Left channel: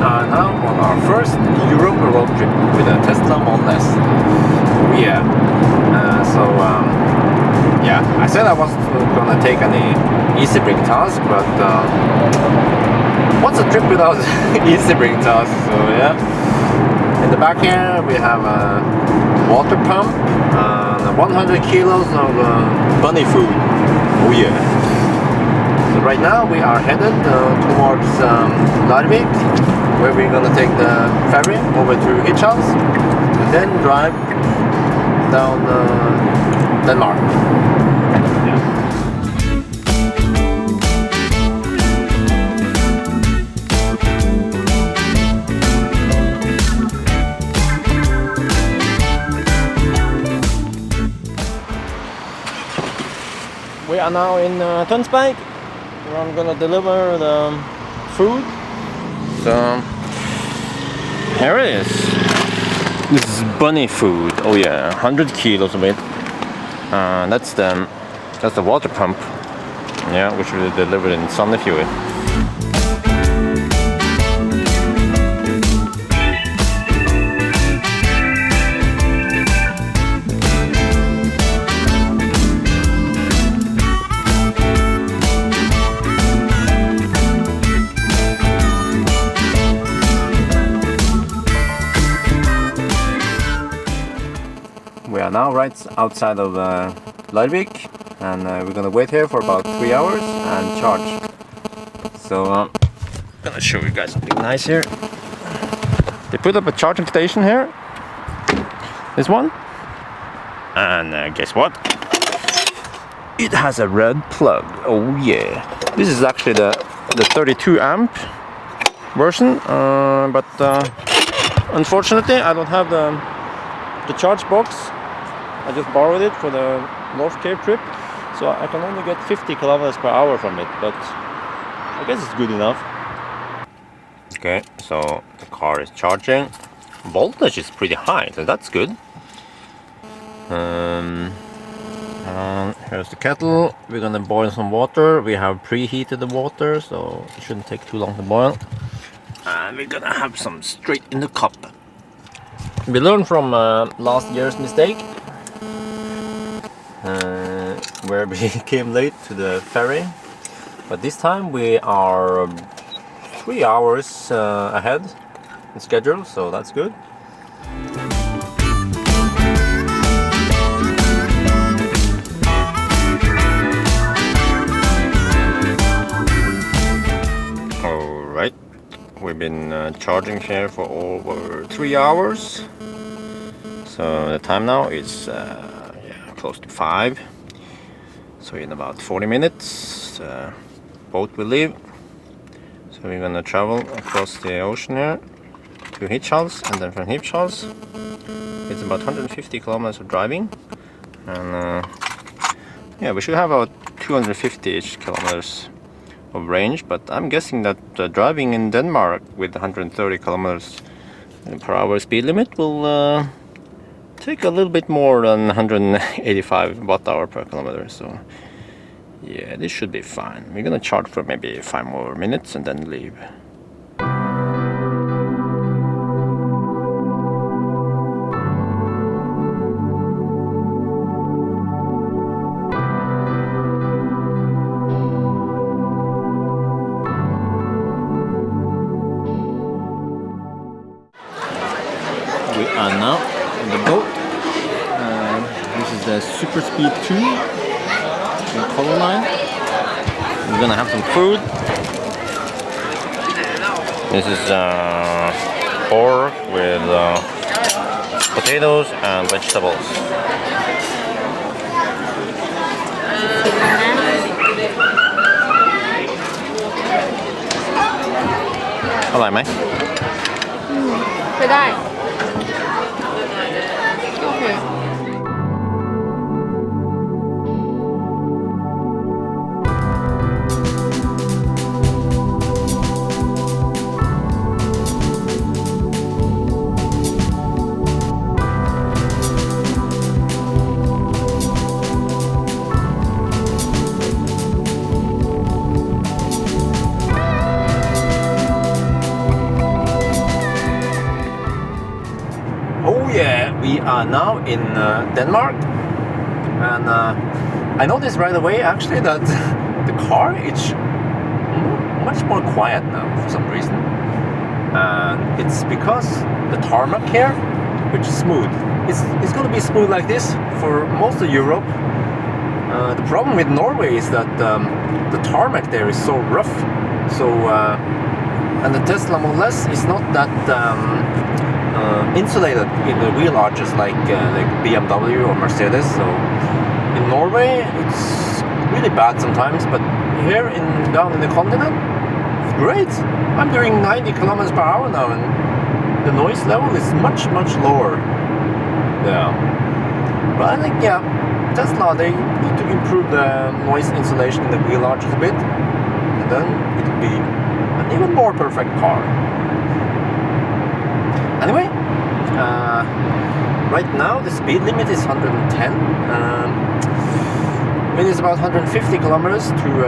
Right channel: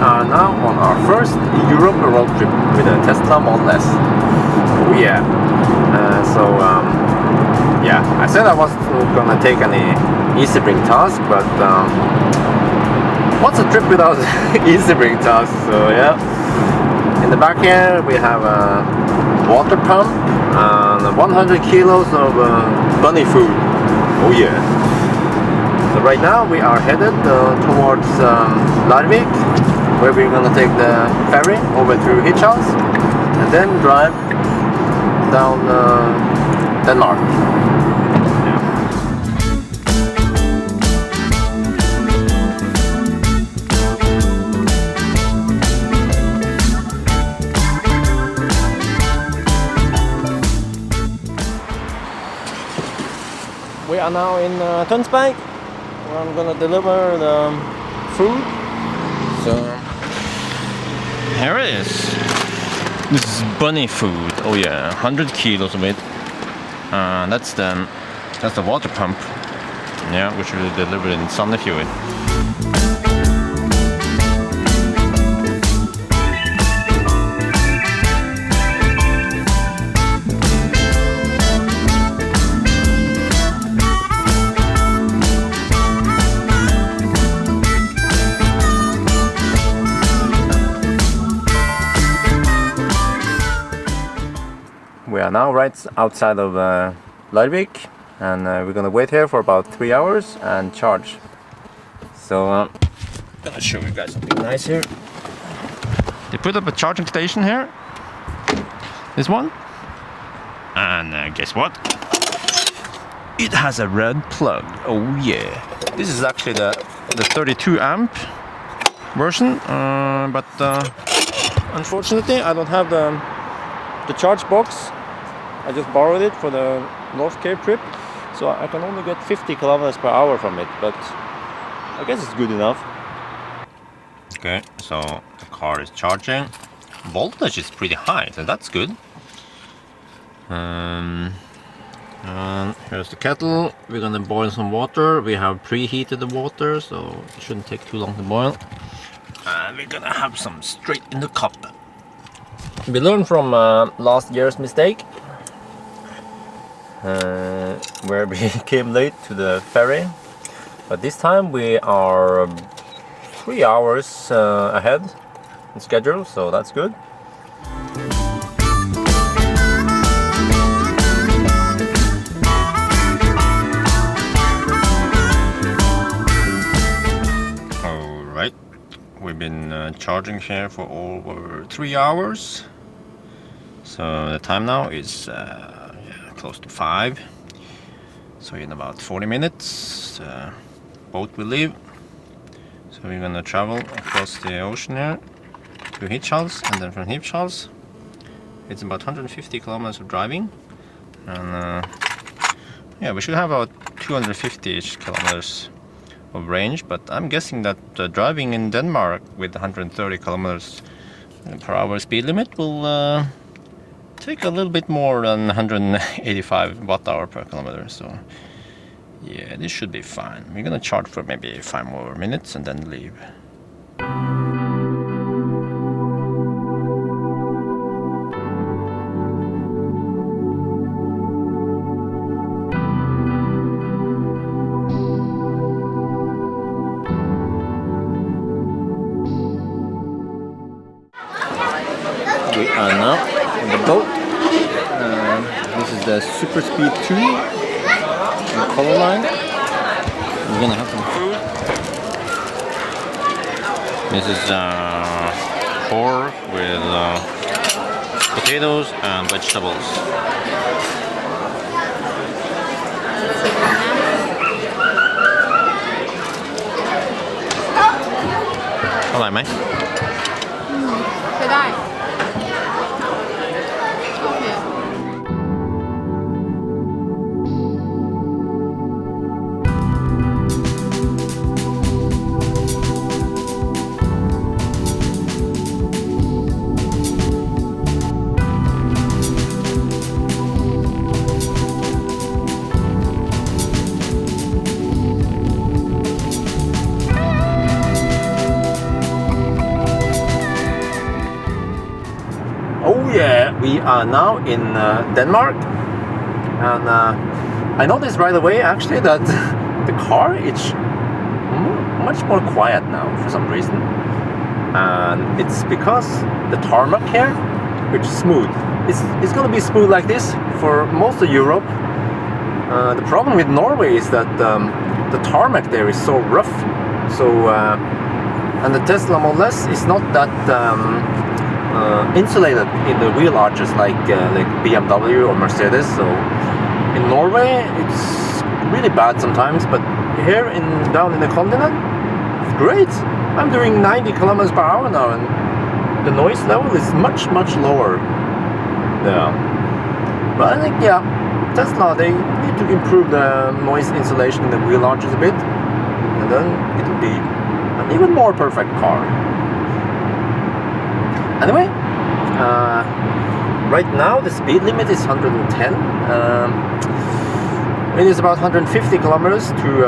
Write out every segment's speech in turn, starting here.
are now on our first Europe road trip with a Tesla Model S. Oh yeah. Yeah, I said I wasn't gonna take any easy bring task, but what's a trip without easy bring task? So yeah. In the back here we have a water pump and 100 kilos of bunny food. Oh yeah. So right now we are headed towards Larvik, where we're gonna take the ferry over to Hirtshals and then drive down Denmark. We are now in Tønsberg, where I'm gonna deliver the food. So there it is. This is bunny food. Oh yeah, 100 kilos of it. That's the water pump. Yeah, which will be delivered in Sandefjord. We are now right outside of Larvik, and we're gonna wait here for about 3 hours and charge. So I'm gonna show you guys something nice here. They put up a charging station here, this one, and guess what? It has a red plug. Oh yeah! This is actually the 32 amp version, but unfortunately I don't have the charge box. I just borrowed it for the North Cape trip, so I can only get 50 kilometers per hour from it, but I guess it's good enough. Okay, so the car is charging. Voltage is pretty high, so that's good. And here's the kettle. We're gonna boil some water. We have preheated the water, so it shouldn't take too long to boil. And we're gonna have some straight in the cup. We learned from last year's mistake, where we came late to the ferry, but this time we are 3 hours ahead in schedule, so that's good. Alright, we've been charging here for over 3 hours, so the time now is close to 5, so in about 40 minutes the boat will leave. So we're gonna travel across the ocean here to Hirtshals, and then from Hirtshals it's about 150 kilometers of driving, and yeah, we should have about 250-ish kilometers of range, but I'm guessing that driving in Denmark with 130 kilometers per hour speed limit will take a little bit more than 185 watt-hour per kilometer, so yeah, this should be fine. We're gonna charge for maybe 5 more minutes and then leave. We are now on the boat. This is the Super Speed 2 in color line. We're gonna have some food. This is pork with potatoes and vegetables. Hello, mate. ใช้ได้ โอเค We We are now in Denmark, and I noticed right away actually that the car is much more quiet now for some reason, and it's because the tarmac here, which is smooth. It's going to be smooth like this for most of Europe. The problem with Norway is that the tarmac there is so rough, so and the Tesla Model S is not that insulated in the wheel arches like BMW or Mercedes. So in Norway it's really bad sometimes, but here down in the continent it's great. I'm doing 90 kilometers per hour now, and the noise level is much lower. Yeah, but I think, yeah, Tesla, they need to improve the noise insulation in the wheel arches a bit, and then it will be an even more perfect car. Anyway, right now the speed limit is 110. It is about 150 kilometers to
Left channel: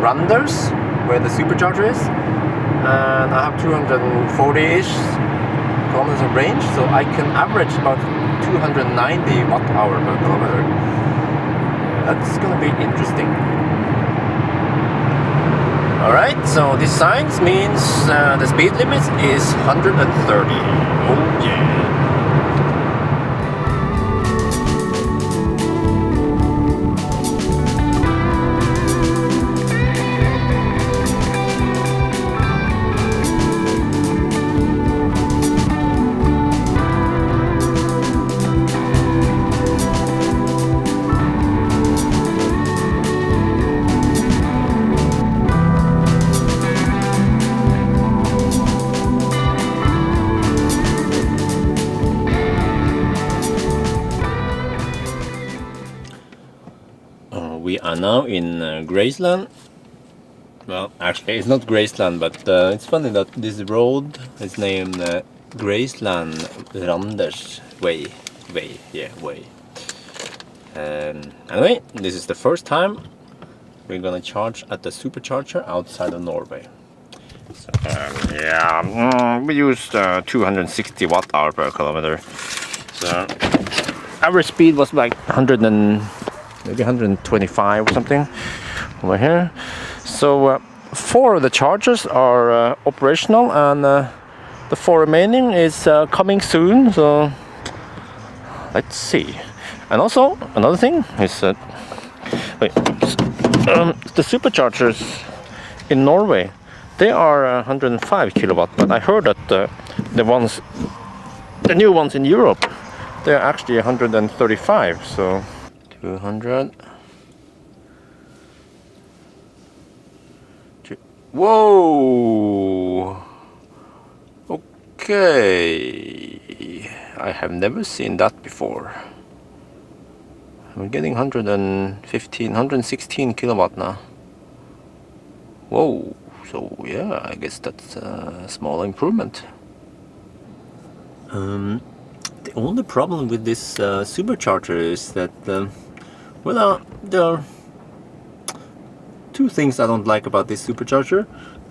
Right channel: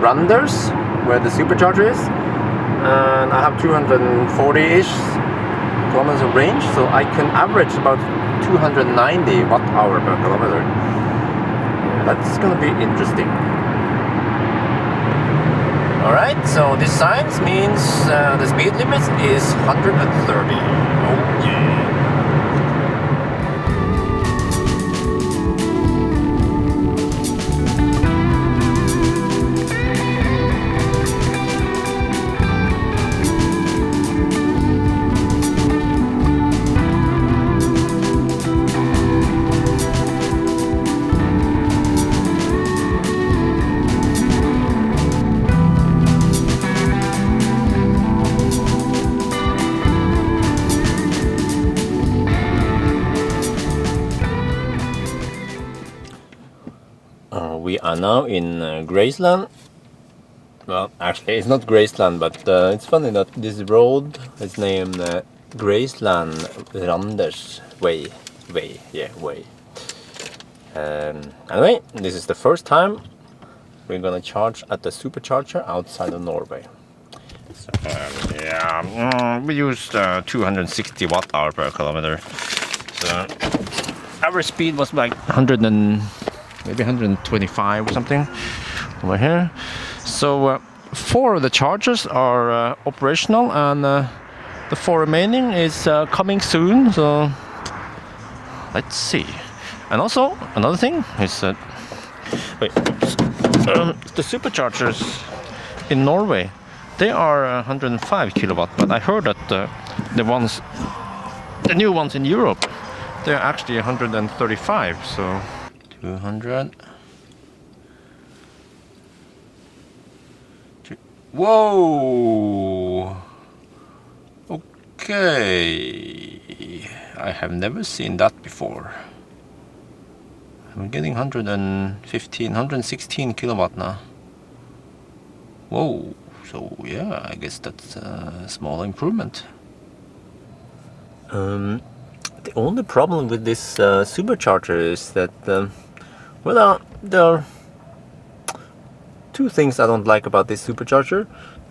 Randers, where the supercharger is, and I have 240-ish kilometers of range, so I can average about 290 watt-hour per kilometer. Yeah, that's gonna be interesting. Alright, so this sign means the speed limit is 130. Oh yeah. We are now in Graceland. Well, actually, it's not Graceland, but it's funny that this road is named Graceland Randers Way. Anyway, this is the first time we're gonna charge at the supercharger outside of Norway. So, we used 260 watt-hour per kilometer. So, average speed was like 100 and maybe 125 or something over here. So 4 of the chargers are operational, and the 4 remaining is coming soon. So let's see. And also another thing is that the superchargers in Norway, they are 105 kilowatt. I heard that the new ones in Europe, they're actually 135. So 200. Whoa! Okay, I have never seen that before. I'm getting 116 kilowatt now. Whoa! So yeah, I guess that's a small improvement. The only problem with this supercharger is that well, there are 2 things I don't like about this supercharger.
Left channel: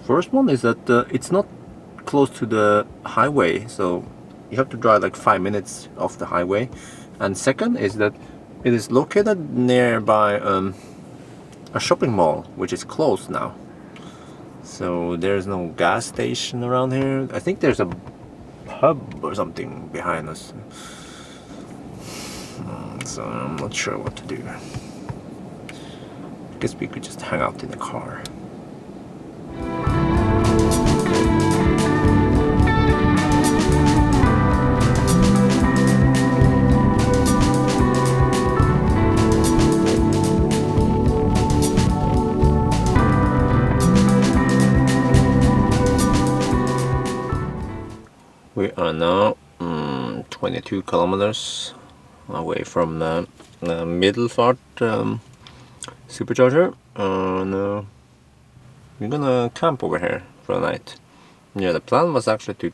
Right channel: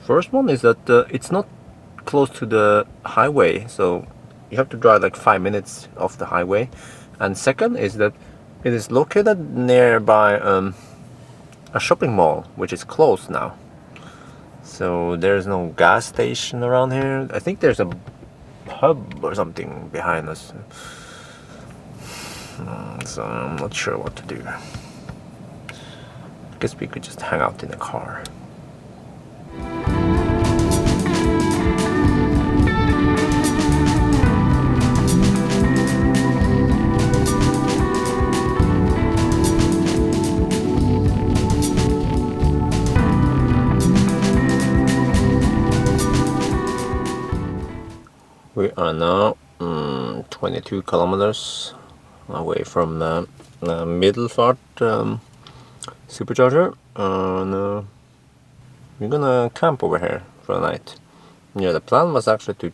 First one is that it's not close to the highway, so you have to drive like 5 minutes off the highway. And second is that it is located nearby a shopping mall, which is closed now. So there's no gas station around here. I think there's a pub or something behind us. So I'm not sure what to do. I guess we could just hang out in the car. We are now 22 kilometers away from the Middelfart supercharger. We're gonna camp over here for the night. Yeah, the plan was actually to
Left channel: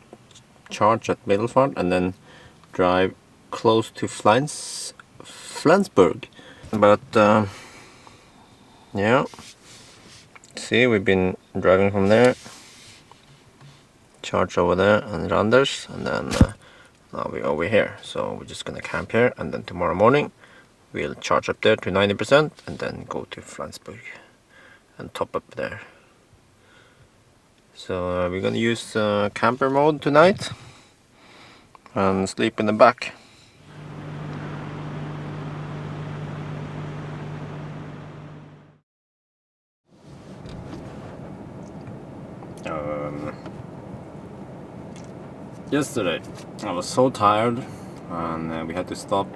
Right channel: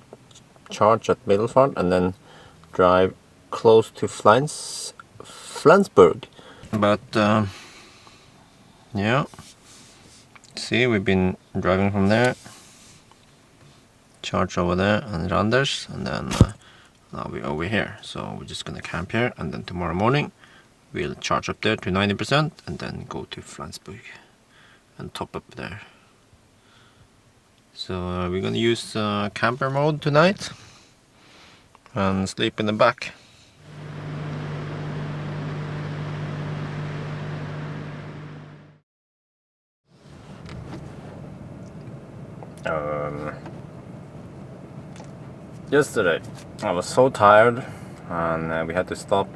charge at Middelfart and then drive close to Flensburg. But yeah, see, we've been driving from there, charge over there and Randers, and then now we're over here, so we're just gonna camp here, and then tomorrow morning we'll charge up there to 90% and then go to Flensburg and top up there. So we're gonna use camper mode tonight and sleep in the back. Yesterday I was so tired, and we had to stop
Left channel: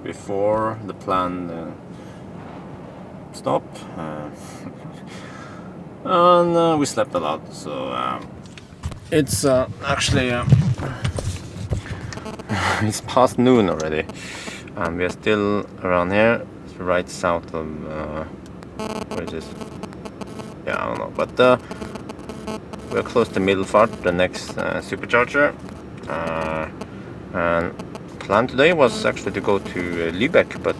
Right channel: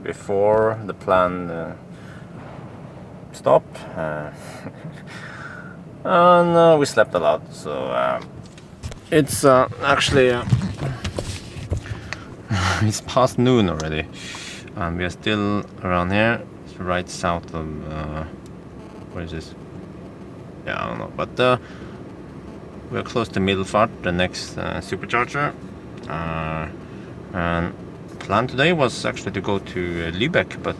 before the planned stop, and we slept a lot. So it's actually it's past noon already, and we are still around here, right south of what is this? Yeah, I don't know, but we're close to Middelfart, the next supercharger. And plan today was actually to go to Lübeck, but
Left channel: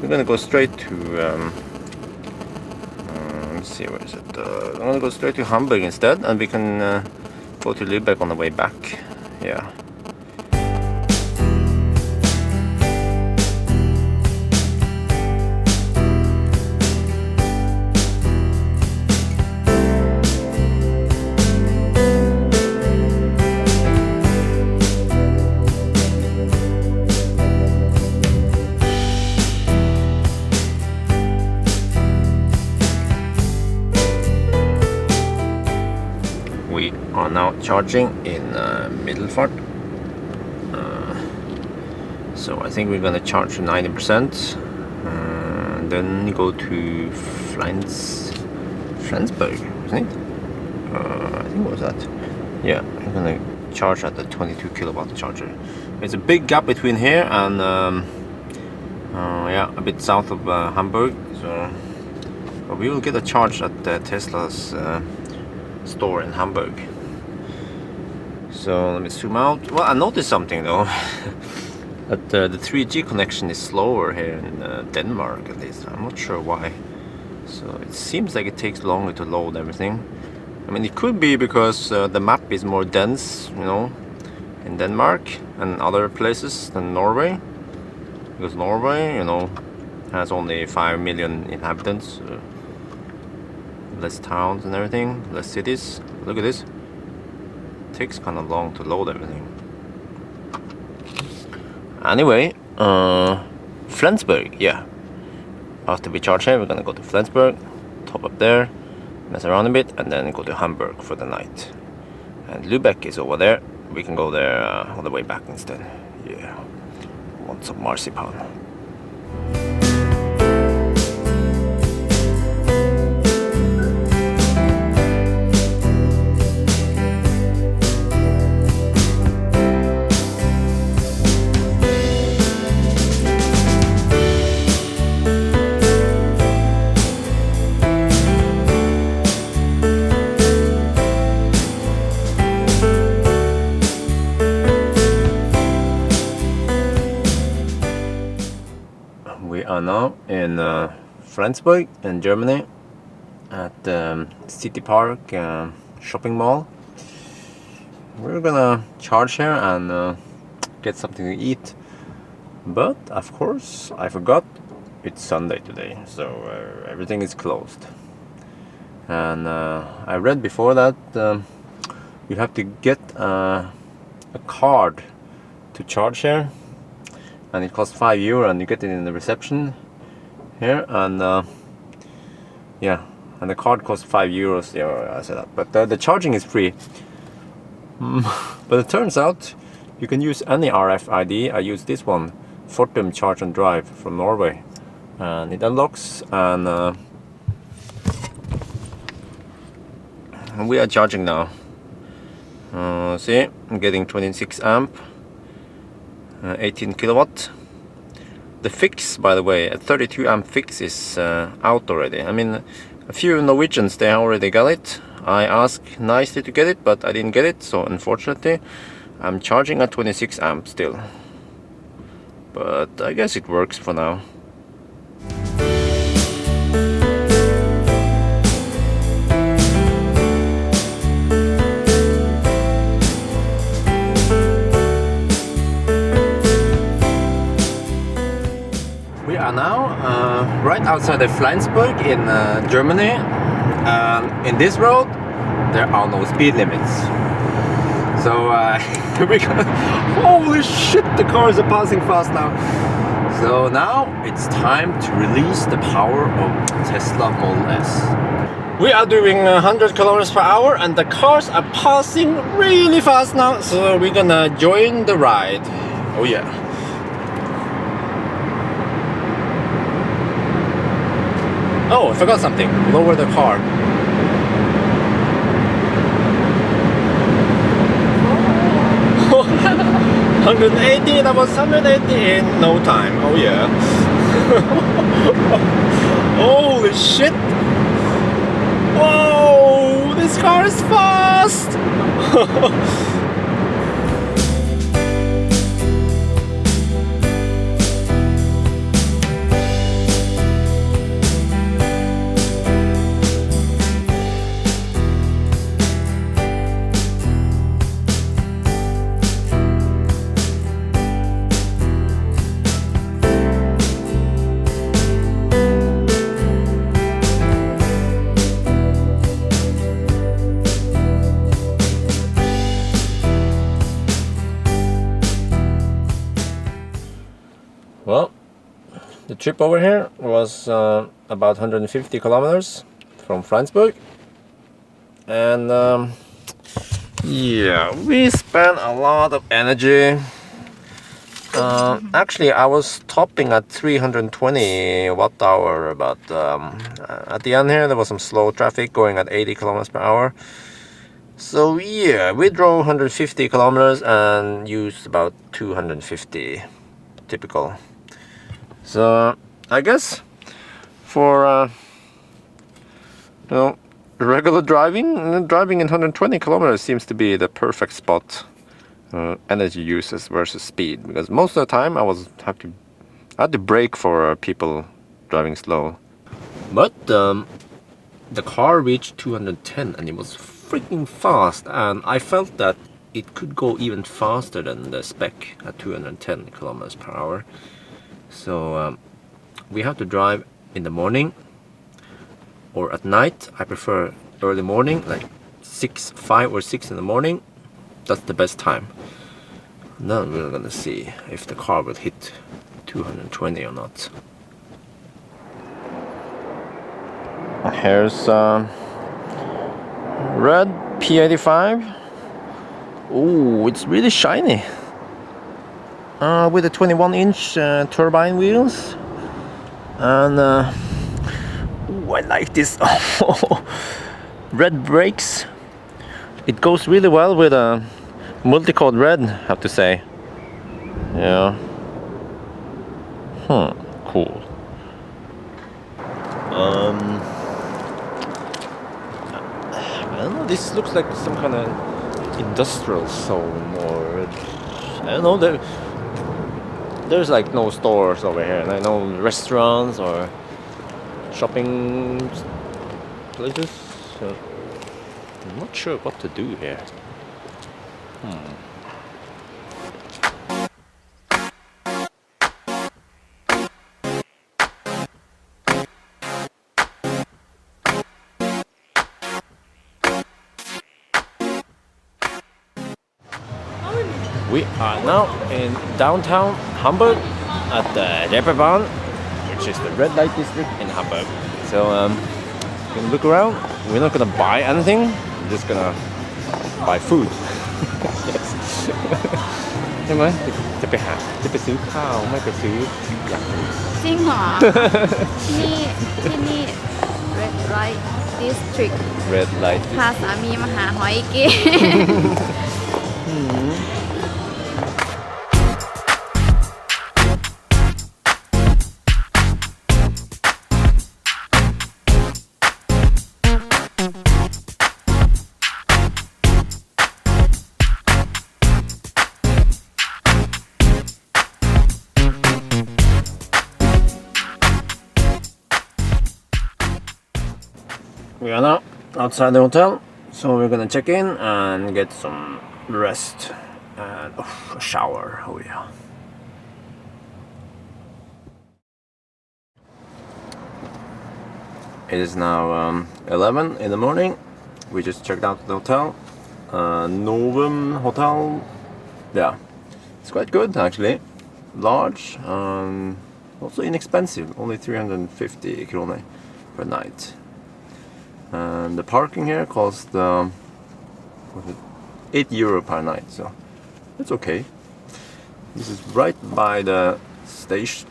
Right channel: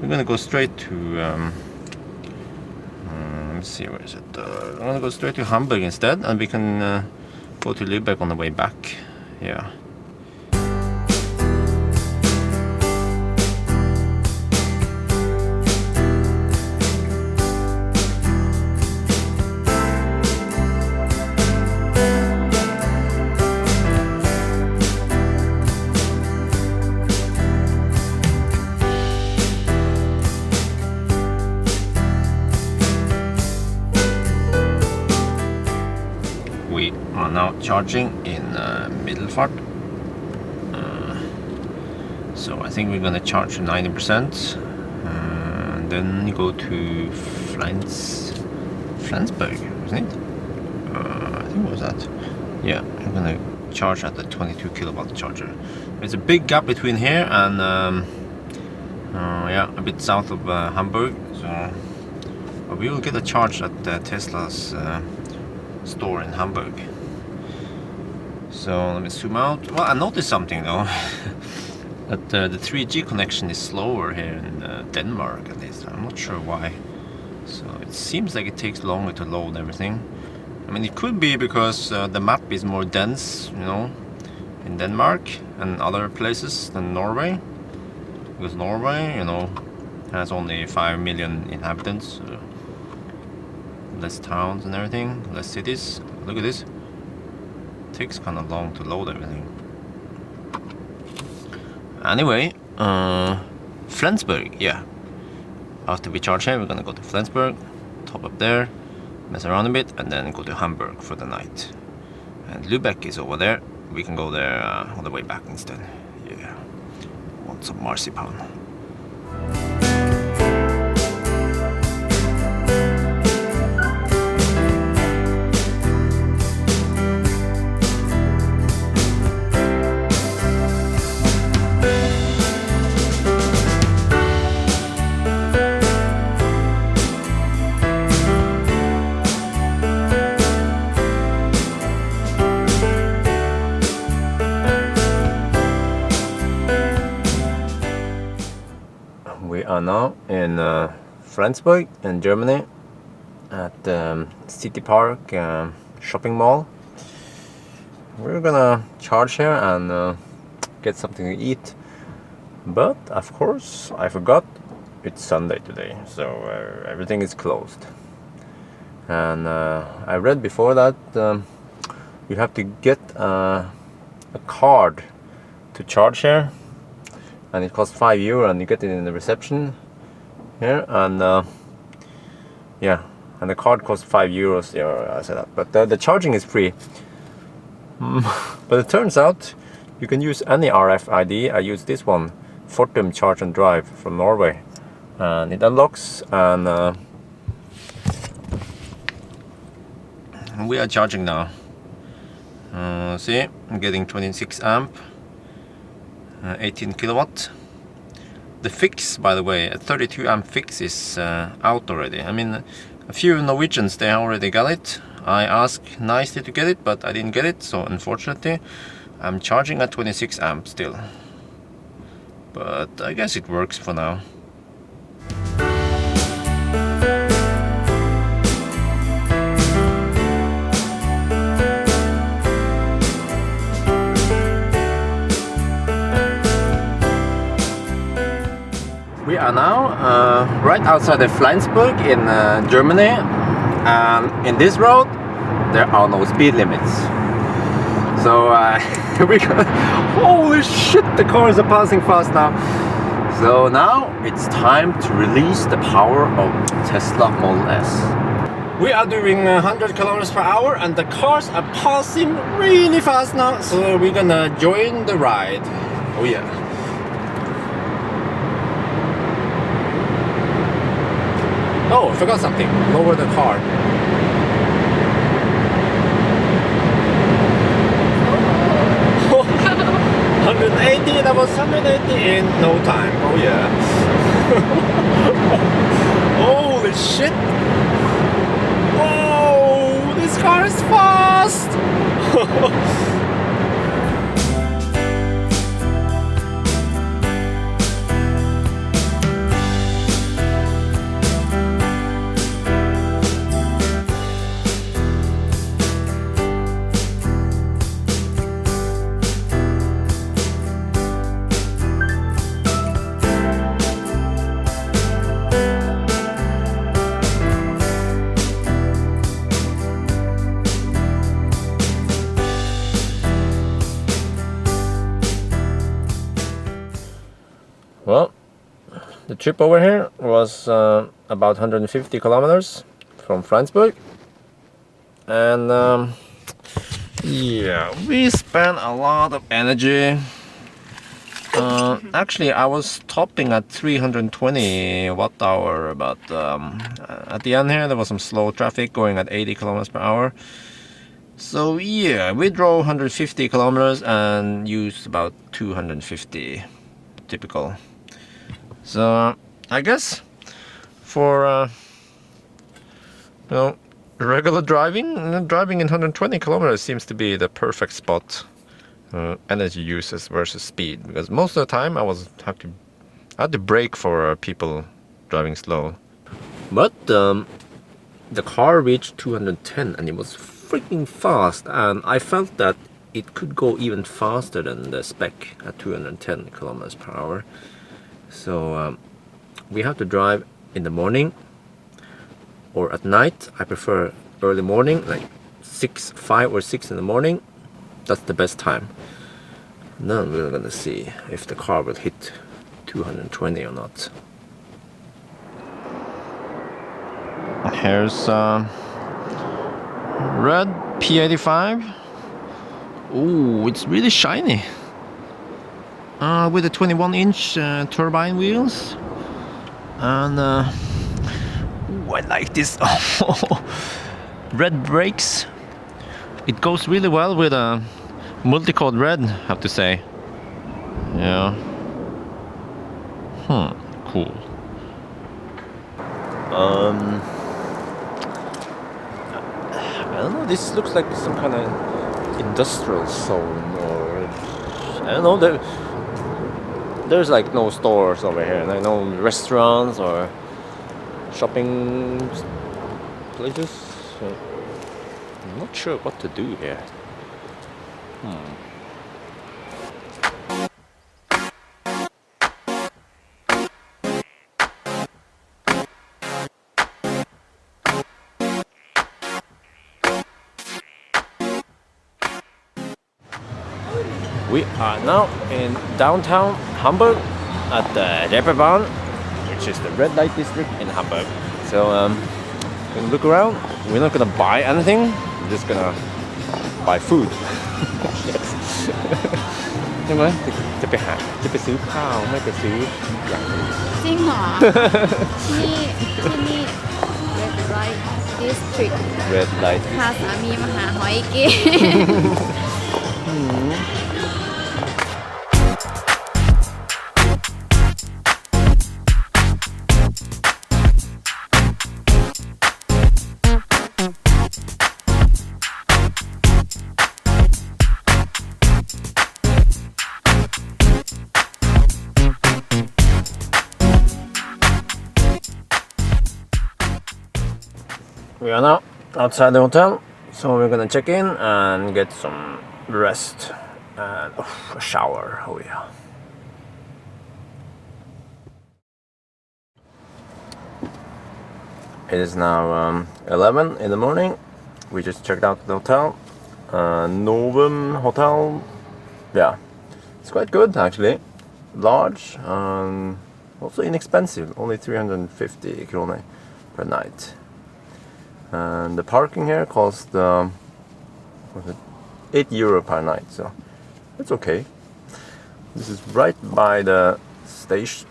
we're gonna go straight to let's see, where is it? I'm gonna go straight to Hamburg instead, and we can go to Lübeck on the way back. Yeah. Now charging in Middelfart, so I think we're gonna charge to 90%, then go to Flensburg, isn't it? I think what was that? Yeah, I'm gonna charge at the 22 kilowatt charger. It's a big gap between here and yeah, a bit south of Hamburg, so but we will get a charge at Tesla's store in Hamburg. So let me zoom out. Well, I noticed something though, that the 3G connection is slower here in Denmark, at least. I'm not sure why. So it seems like it takes longer to load everything. I mean, it could be because the map is more dense, you know, in Denmark and other places than Norway. Because Norway, you know, has only 5 million inhabitants, less towns and everything, less cities. Look at this. Takes kind of long to load everything. Anyway, Flensburg, yeah. After we charge here, we're gonna go to Flensburg, top up there, mess around a bit, and then go to Hamburg for the night. And Lübeck is over there. We can go there on the way back instead. Yeah, want some marzipan. We are now in Flensburg in Germany at the City Park shopping mall. We're gonna charge here and get something to eat, but of course I forgot it's Sunday today, so everything is closed. And I read before that you have to get a card to charge here, and it costs €5, and you get it in the reception here, and yeah, and the card costs €5. Yeah, I said that, but the charging is free. But it turns out you can use any RFID. I use this one, Fortum Charge and Drive from Norway, and it unlocks, and we are charging now. See, I'm getting 26 amp. 18 kilowatt. The fix, by the way, a 32 amp fix is out already. I mean, a few Norwegians, they already got it. I asked nicely to get it, but I didn't get it, so unfortunately I'm charging at 26 amp still. But I guess it works for now. right outside of Flensburg in Germany. In this road, there are no speed limits. So we got, holy shit, the cars are passing fast now. So now it's time to release the power of Tesla Model S. We are doing 100 kilometers per hour and the cars are passing really fast now. So we're gonna join the ride. Oh yeah. Oh, I forgot something. Lower the car. 180, that was 180 in no time. Oh yeah. Holy shit. Whoa, this car is fast. Well, the trip over here was about 150 kilometers from Frankfurt, and yeah, we spent a lot of energy. Actually, I was stopping at 320 watt-hour, but at the end here there was some slow traffic going at 80 kilometers per hour. So yeah, we drove 150 kilometers and used about 250, typical. So I guess for you know, regular driving in 120 kilometers seems to be the perfect spot. Energy uses versus speed, because most of the time I had to brake for people driving slow. But the car reached 210 and it was freaking fast, and I felt that it could go even faster than the spec at 210 kilometers per hour. So we have to drive in the morning or at night. I prefer early morning, like 5 or 6 in the morning. That's the best time. Then we're gonna see if the car will hit 220 or not. Here's red P85. Ooh, it's really shiny. With the 21-inch turbine wheels, and ooh, I like this. Red brakes. It goes really well with a multicolored red, I have to say. Yeah. Cool. I don't know. This looks like some kind of industrial zone, or I don't know. There's like no stores over here, like no restaurants or shopping places. So I'm not sure what to do here. We are now in downtown Hamburg at the Reeperbahn, which is the red light district in Hamburg. So we're gonna look around. We're not gonna buy anything. We're just gonna buy food. Yes. ใช่ไหมจะไปซื้อข้าวไม่ไปซื้ออย่างอื่น จริงเหรอ ที่นี่ Red Light District Red light พาสามีมาหาหอยกิน We are now outside the hotel, so we're gonna check in and get some rest and a shower. Oh yeah. It is now 11 in the morning. We just checked out the hotel. Novum Hotel. Yeah, it's quite good actually. Large, also inexpensive, only 350 krone per night. And the parking here cost was it €8 per night, so it's okay. This is right by the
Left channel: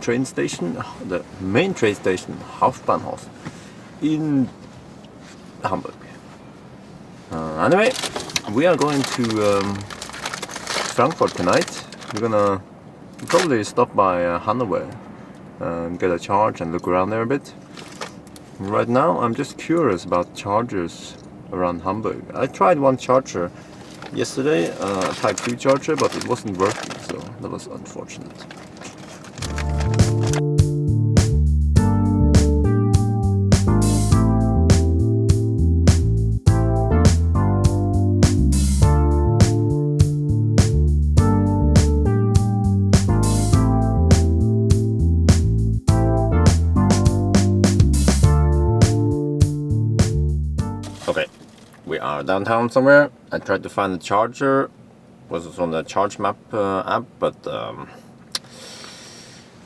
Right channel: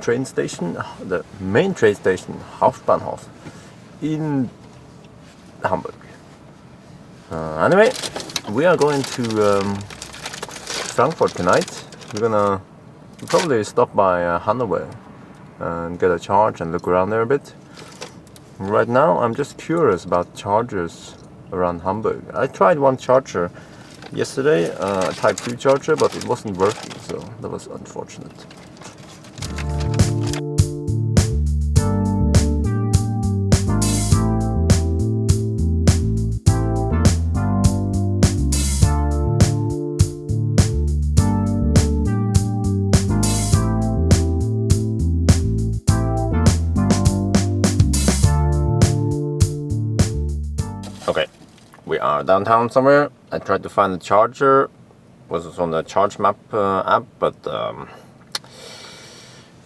train station, the main train station, Hauptbahnhof, in Hamburg. Anyway, we are going to Frankfurt tonight. We're gonna probably stop by Hanover and get a charge and look around there a bit. Right now, I'm just curious about chargers around Hamburg. I tried one charger yesterday, a Type 2 charger, but it wasn't working, so that was unfortunate. Okay, we are downtown somewhere. I tried to find the charger. Was on the Charge Map app, but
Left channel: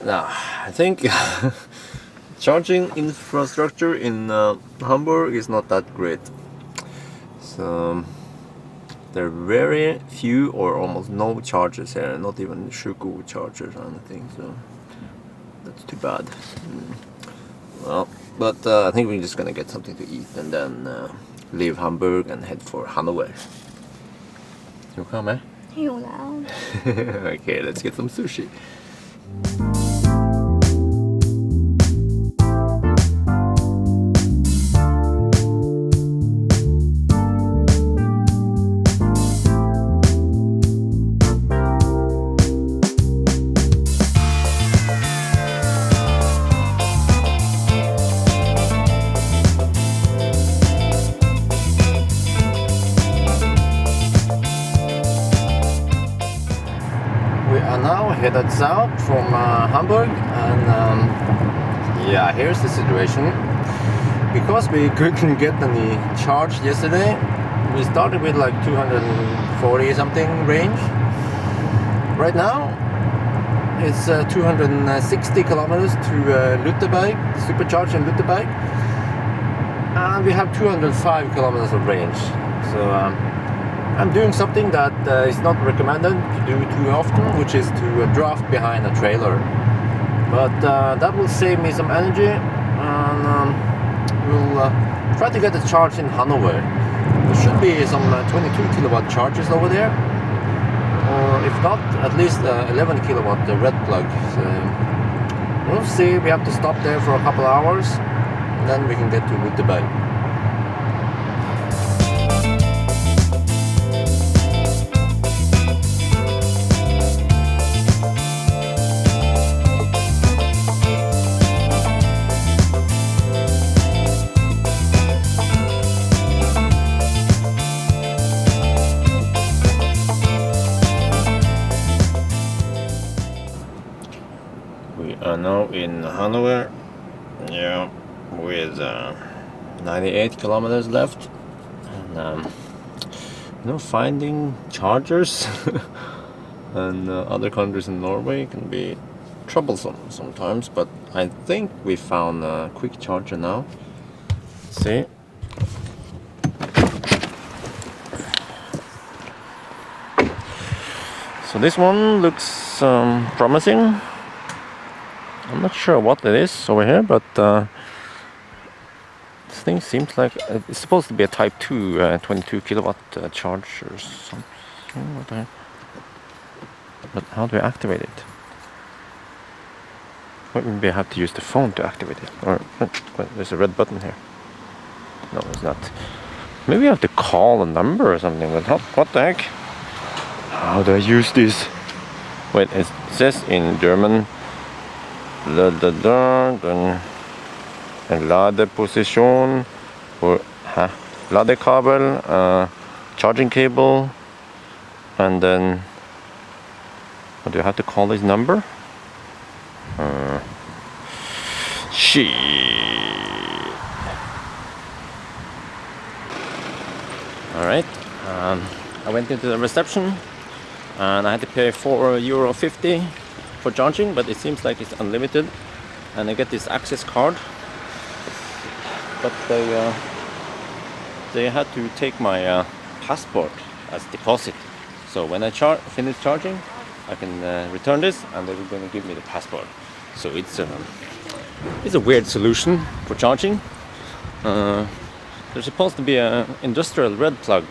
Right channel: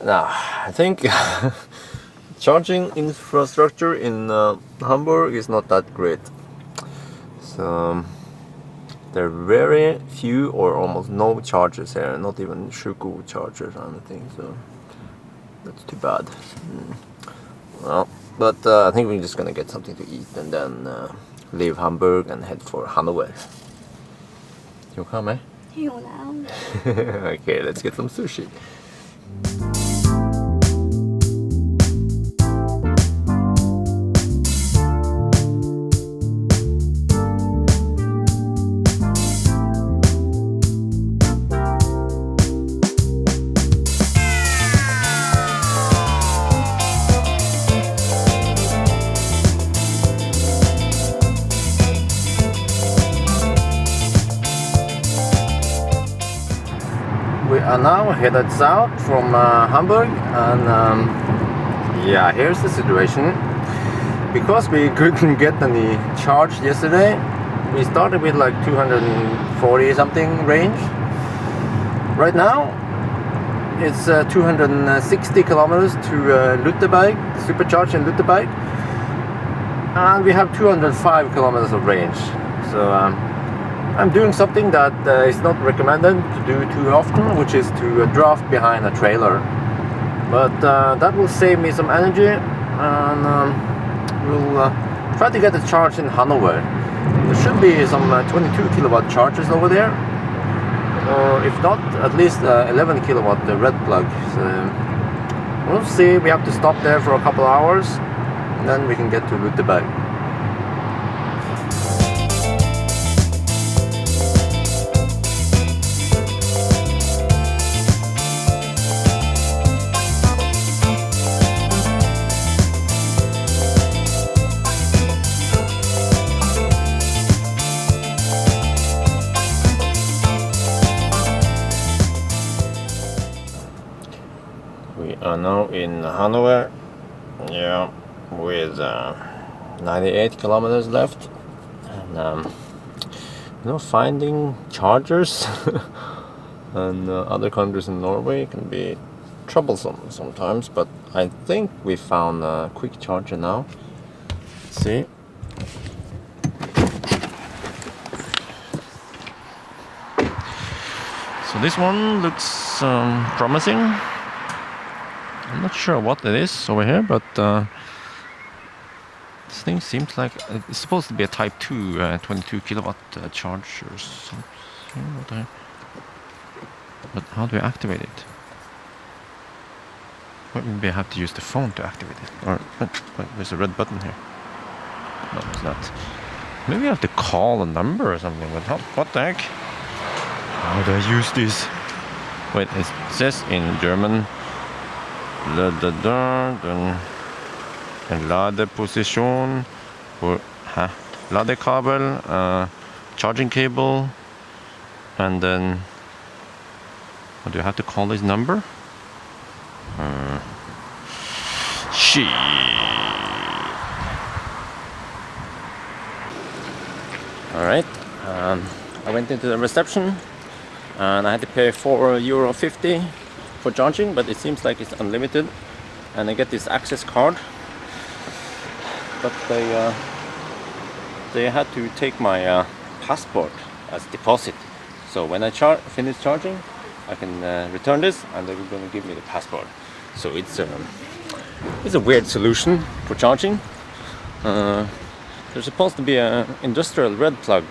nah, I think charging infrastructure in Hamburg is not that great. So there are very few or almost no chargers here, not even Schuko chargers or anything. So that's too bad. Well, but I think we're just gonna get something to eat and then leave Hamburg and head for Hanover. You come, eh? หิวแล้ว Okay, let's get some sushi. We are now headed south from Hamburg, and yeah, here's the situation. Because we couldn't get any charge yesterday, we started with like 240 something range. Right now, it's 260 kilometers to Lutai, supercharged in Lutai, and we have 205 kilometers of range. So I'm doing something that is not recommended to do too often, which is to draft behind a trailer. But that will save me some energy, and we'll try to get a charge in Hanover. There should be some 22 kilowatt chargers over there, or if not, at least 11 kilowatt red plug. So we'll see. We have to stop there for a couple hours, and then we can get to Lutai. We are now in Hanover, yeah, with 98 kilometers left, and finding chargers and other countries in Norway can be troublesome sometimes, but I think we found a quick charger now. Let's see. So this one looks promising. I'm not sure what it is over here, but this thing seems like it's supposed to be a Type 2 22 kilowatt charger or something. But how do I activate it? Maybe I have to use the phone to activate it. Oh, there's a red button here. No, there's not. Maybe I have to call a number or something. What the heck? How do I use this? Wait, it says in German. Ladeposition or ladekabel, charging cable, and then do you have to call this number? Alright, I went into the reception and I had to pay €4.50 for charging, but it seems like it's unlimited, and I get this access card, but they had to take my passport as deposit. So when I finish charging, I can return this, and they were going to give me the passport. So it's a weird solution for charging. There's supposed to be an industrial red plug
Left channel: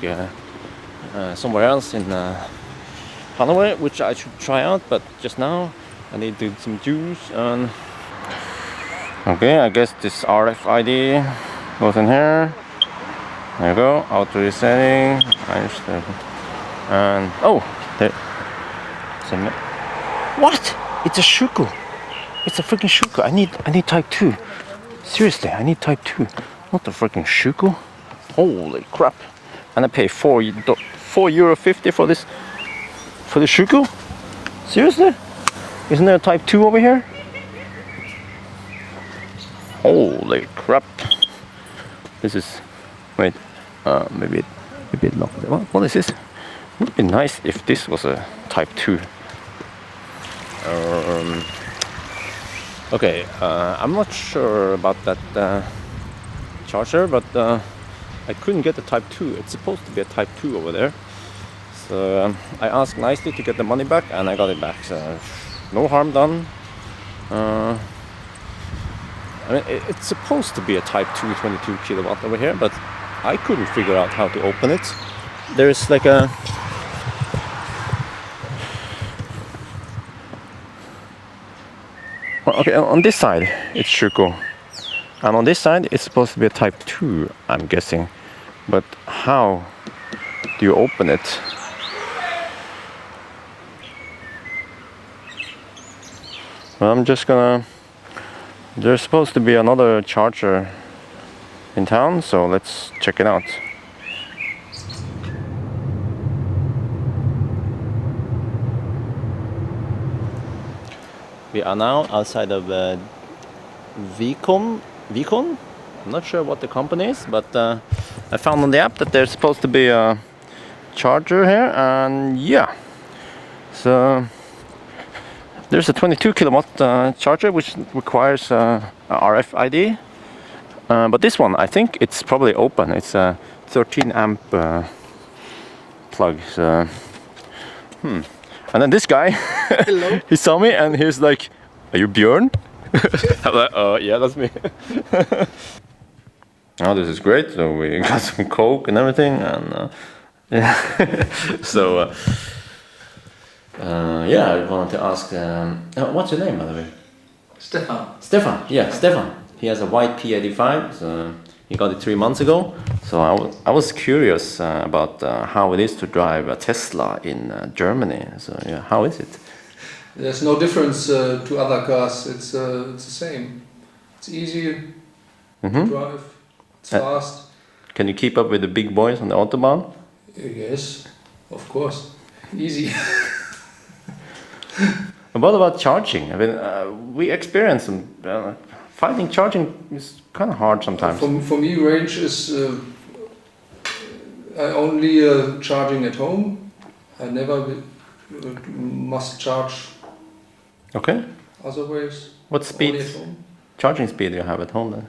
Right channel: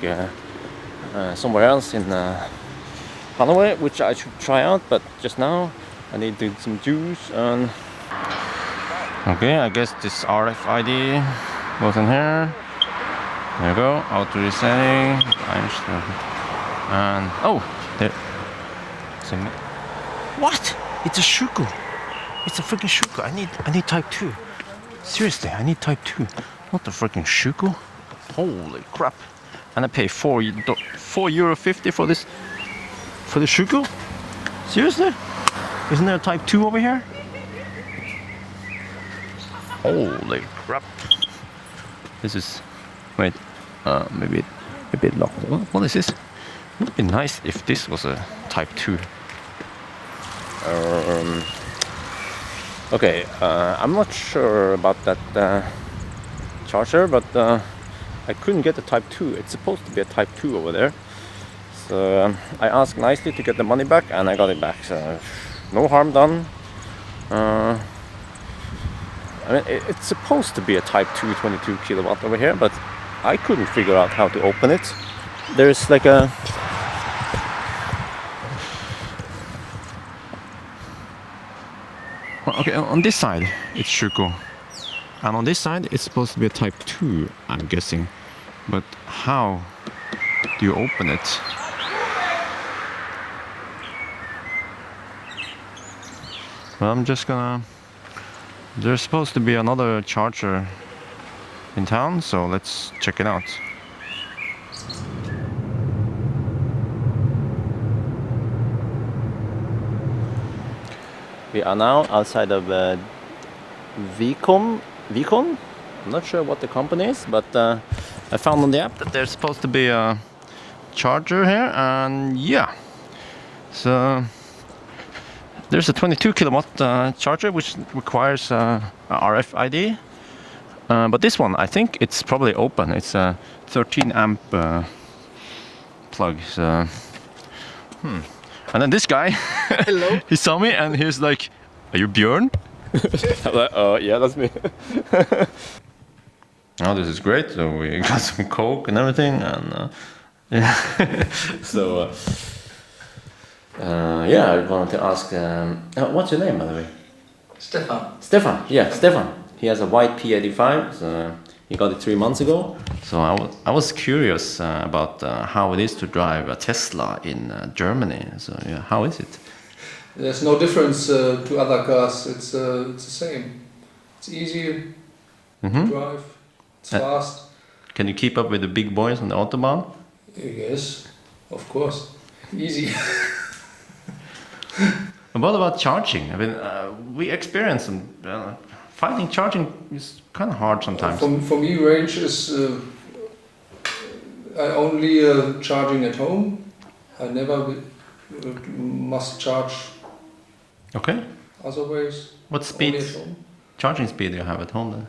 somewhere else in Hanover, which I should try out, but just now I need to do some juice. And okay, I guess this RFID goes in here. There we go, auto resetting. And oh, hey. What? It's a shuku. It's a freaking shuku. I need type 2. Seriously, I need type 2. Not the freaking shuku. Holy crap. And I pay €4.50 for this, for the shuku? Seriously? Isn't there a type 2 over here? Holy crap. This is, wait, maybe a bit locked. What is this? It would be nice if this was a type 2. Okay, I'm not sure about that charger, but I couldn't get the type 2. It's supposed to be a type 2 over there. So I asked nicely to get the money back, and I got it back. So no harm done. I mean, it's supposed to be a type 2 22 kilowatt over here, but I couldn't figure out how to open it. There's like a okay, on this side it's Shuko, and on this side it's supposed to be a type 2, I'm guessing, but how do you open it? Well, I'm just gonna, there's supposed to be another charger in town, so let's check it out. We are now outside of Vicon. I'm not sure what the company is, but I found on the app that there's supposed to be a charger here, and yeah, so there's a 22 kilowatt charger which requires RFID, but this one I think it's probably open. It's a 13 amp plug. So, And then this guy, hello, he saw me and he was like, "Are you Björn?" I'm like, yeah, that's me. Oh, this is great. So we got some Coke and everything, and yeah. So yeah, I wanted to ask, what's your name, by the way? Stefan. Stefan, yeah, Stefan. He has a white P85, so he got it 3 months ago. So I was curious about how it is to drive a Tesla in Germany. So yeah, how is it? There's no difference to other cars. It's the same. It's easy to drive. It's fast. Can you keep up with the big boys on the autobahn? Yes, of course. Easy. And what about charging? I mean, we experience finding charging is kind of hard sometimes. For me, range is I only charging at home. I never must charge. Okay. Other ways. What speed? Only at home. Charging speed you have at home then?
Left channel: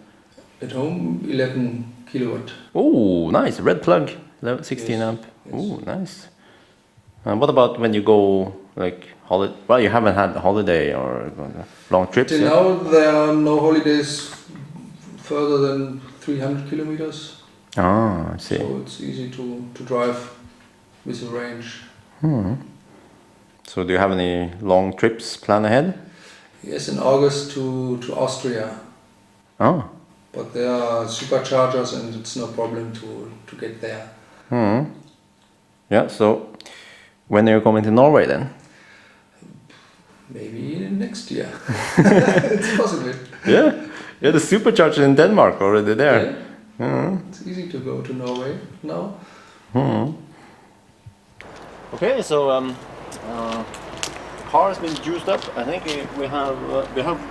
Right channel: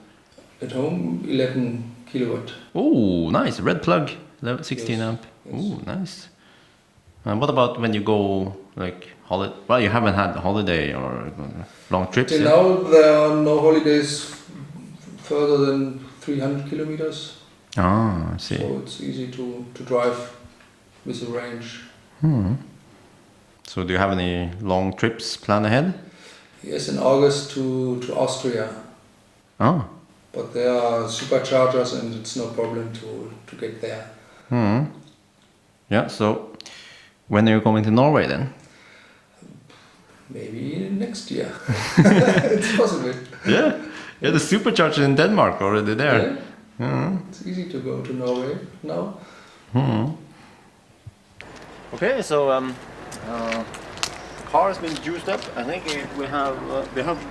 At home, 11 kilowatt. Oh, nice. Red plug. 16 amp. Yes. Oh, nice. And what about when you go like holiday? Well, you haven't had a holiday or long trips. Till now, there are no holidays further than 300 kilometers. Ah, I see. So it's easy to drive with a range. So do you have any long trips planned ahead? Yes, in August to Austria. Oh. But there are superchargers and it's no problem to get there. Yeah, so when are you coming to Norway then? Maybe next year. It's possible. Yeah, the supercharger in Denmark already there. Yeah. It's easy to go to Norway now. Okay, so the car has been juiced up. I think we have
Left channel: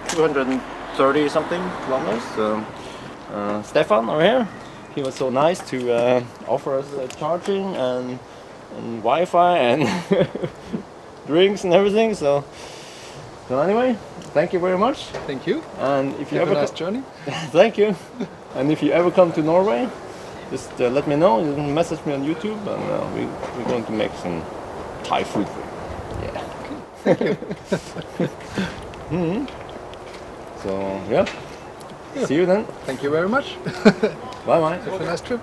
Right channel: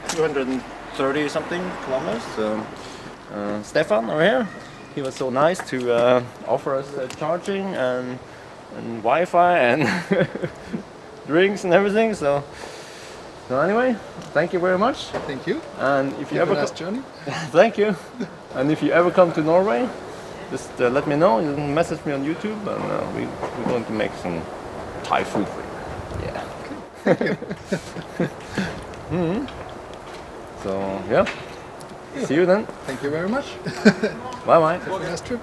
230 something kilometers. Stefan over here, he was so nice to offer us charging and Wi-Fi and drinks and everything. So anyway, thank you very much. Thank you. And if you Have ever a nice journey. thank you. And if you ever come to Norway, just let me know. You can message me on YouTube, and we're going to make some Thai food for you. Yeah. Thank you. So yeah. See you then. Thank you very much. Bye bye. Have a nice trip.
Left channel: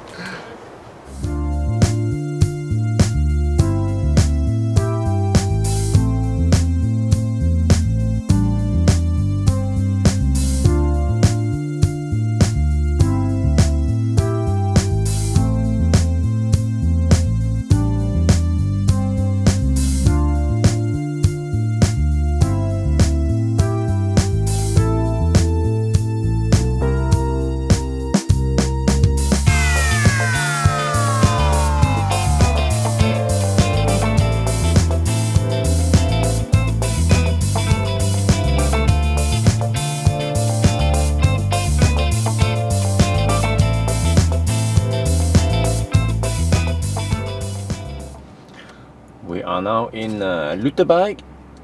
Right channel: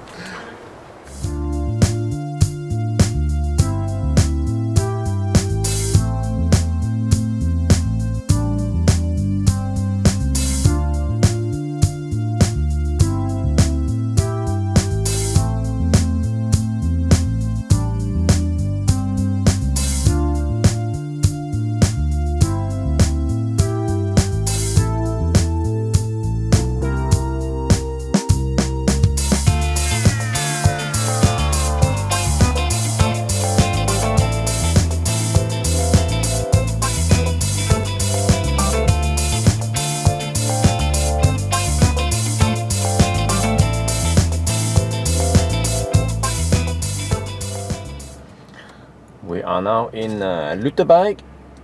We are now in Lutai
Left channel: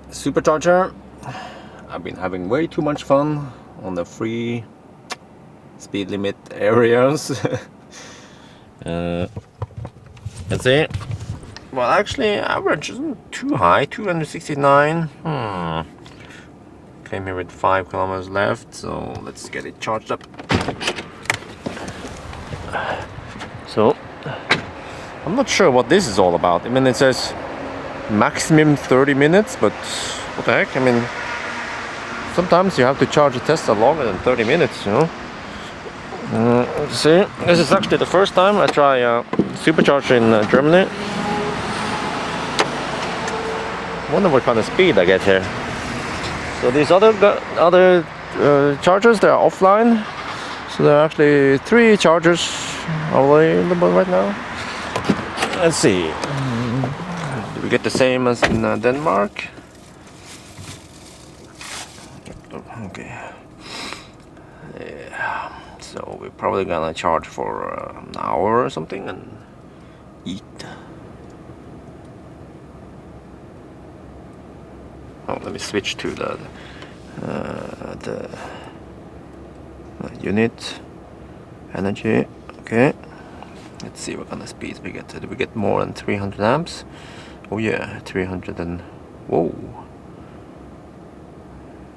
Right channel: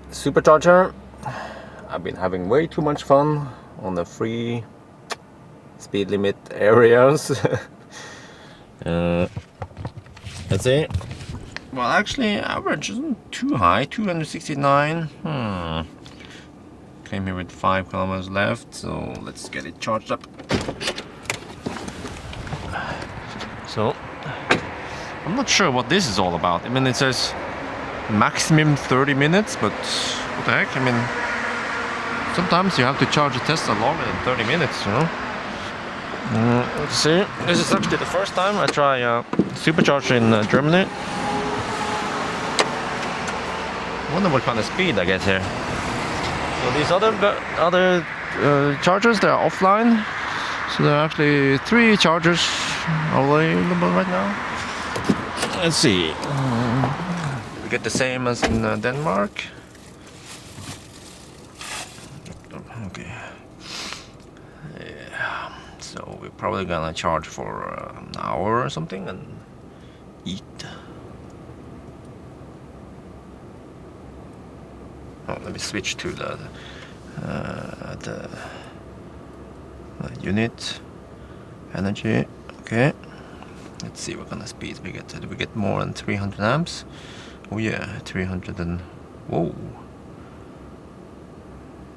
supercharger. I've been having way too much fun on the free speed limit areas. Let's see. Well, actually, average isn't too high, 269. Came here with 5 kilometers left, so let's get it charged up. So, I'm not sure what this is all about. I mean, it says maximum 30 minutes, but what the heck? I mean, sometimes you have to charge a Tesla longer than 30 minutes, you know? Let's see. This is actually the first time I try supercharger in Germany. I wonder what kind of speed I get here. So these other chargers, they're offline. So there are actually 3 chargers available right now. Let's see. We get the same as in Denmark. Okay. Yeah. So we're probably gonna charge for an hour or something and eat. Oh, let me switch to the unit energy. Okay. Let's see what kind of speeds we get. Do we get more than 300 amps? Oh yeah, 300 and... Whoa.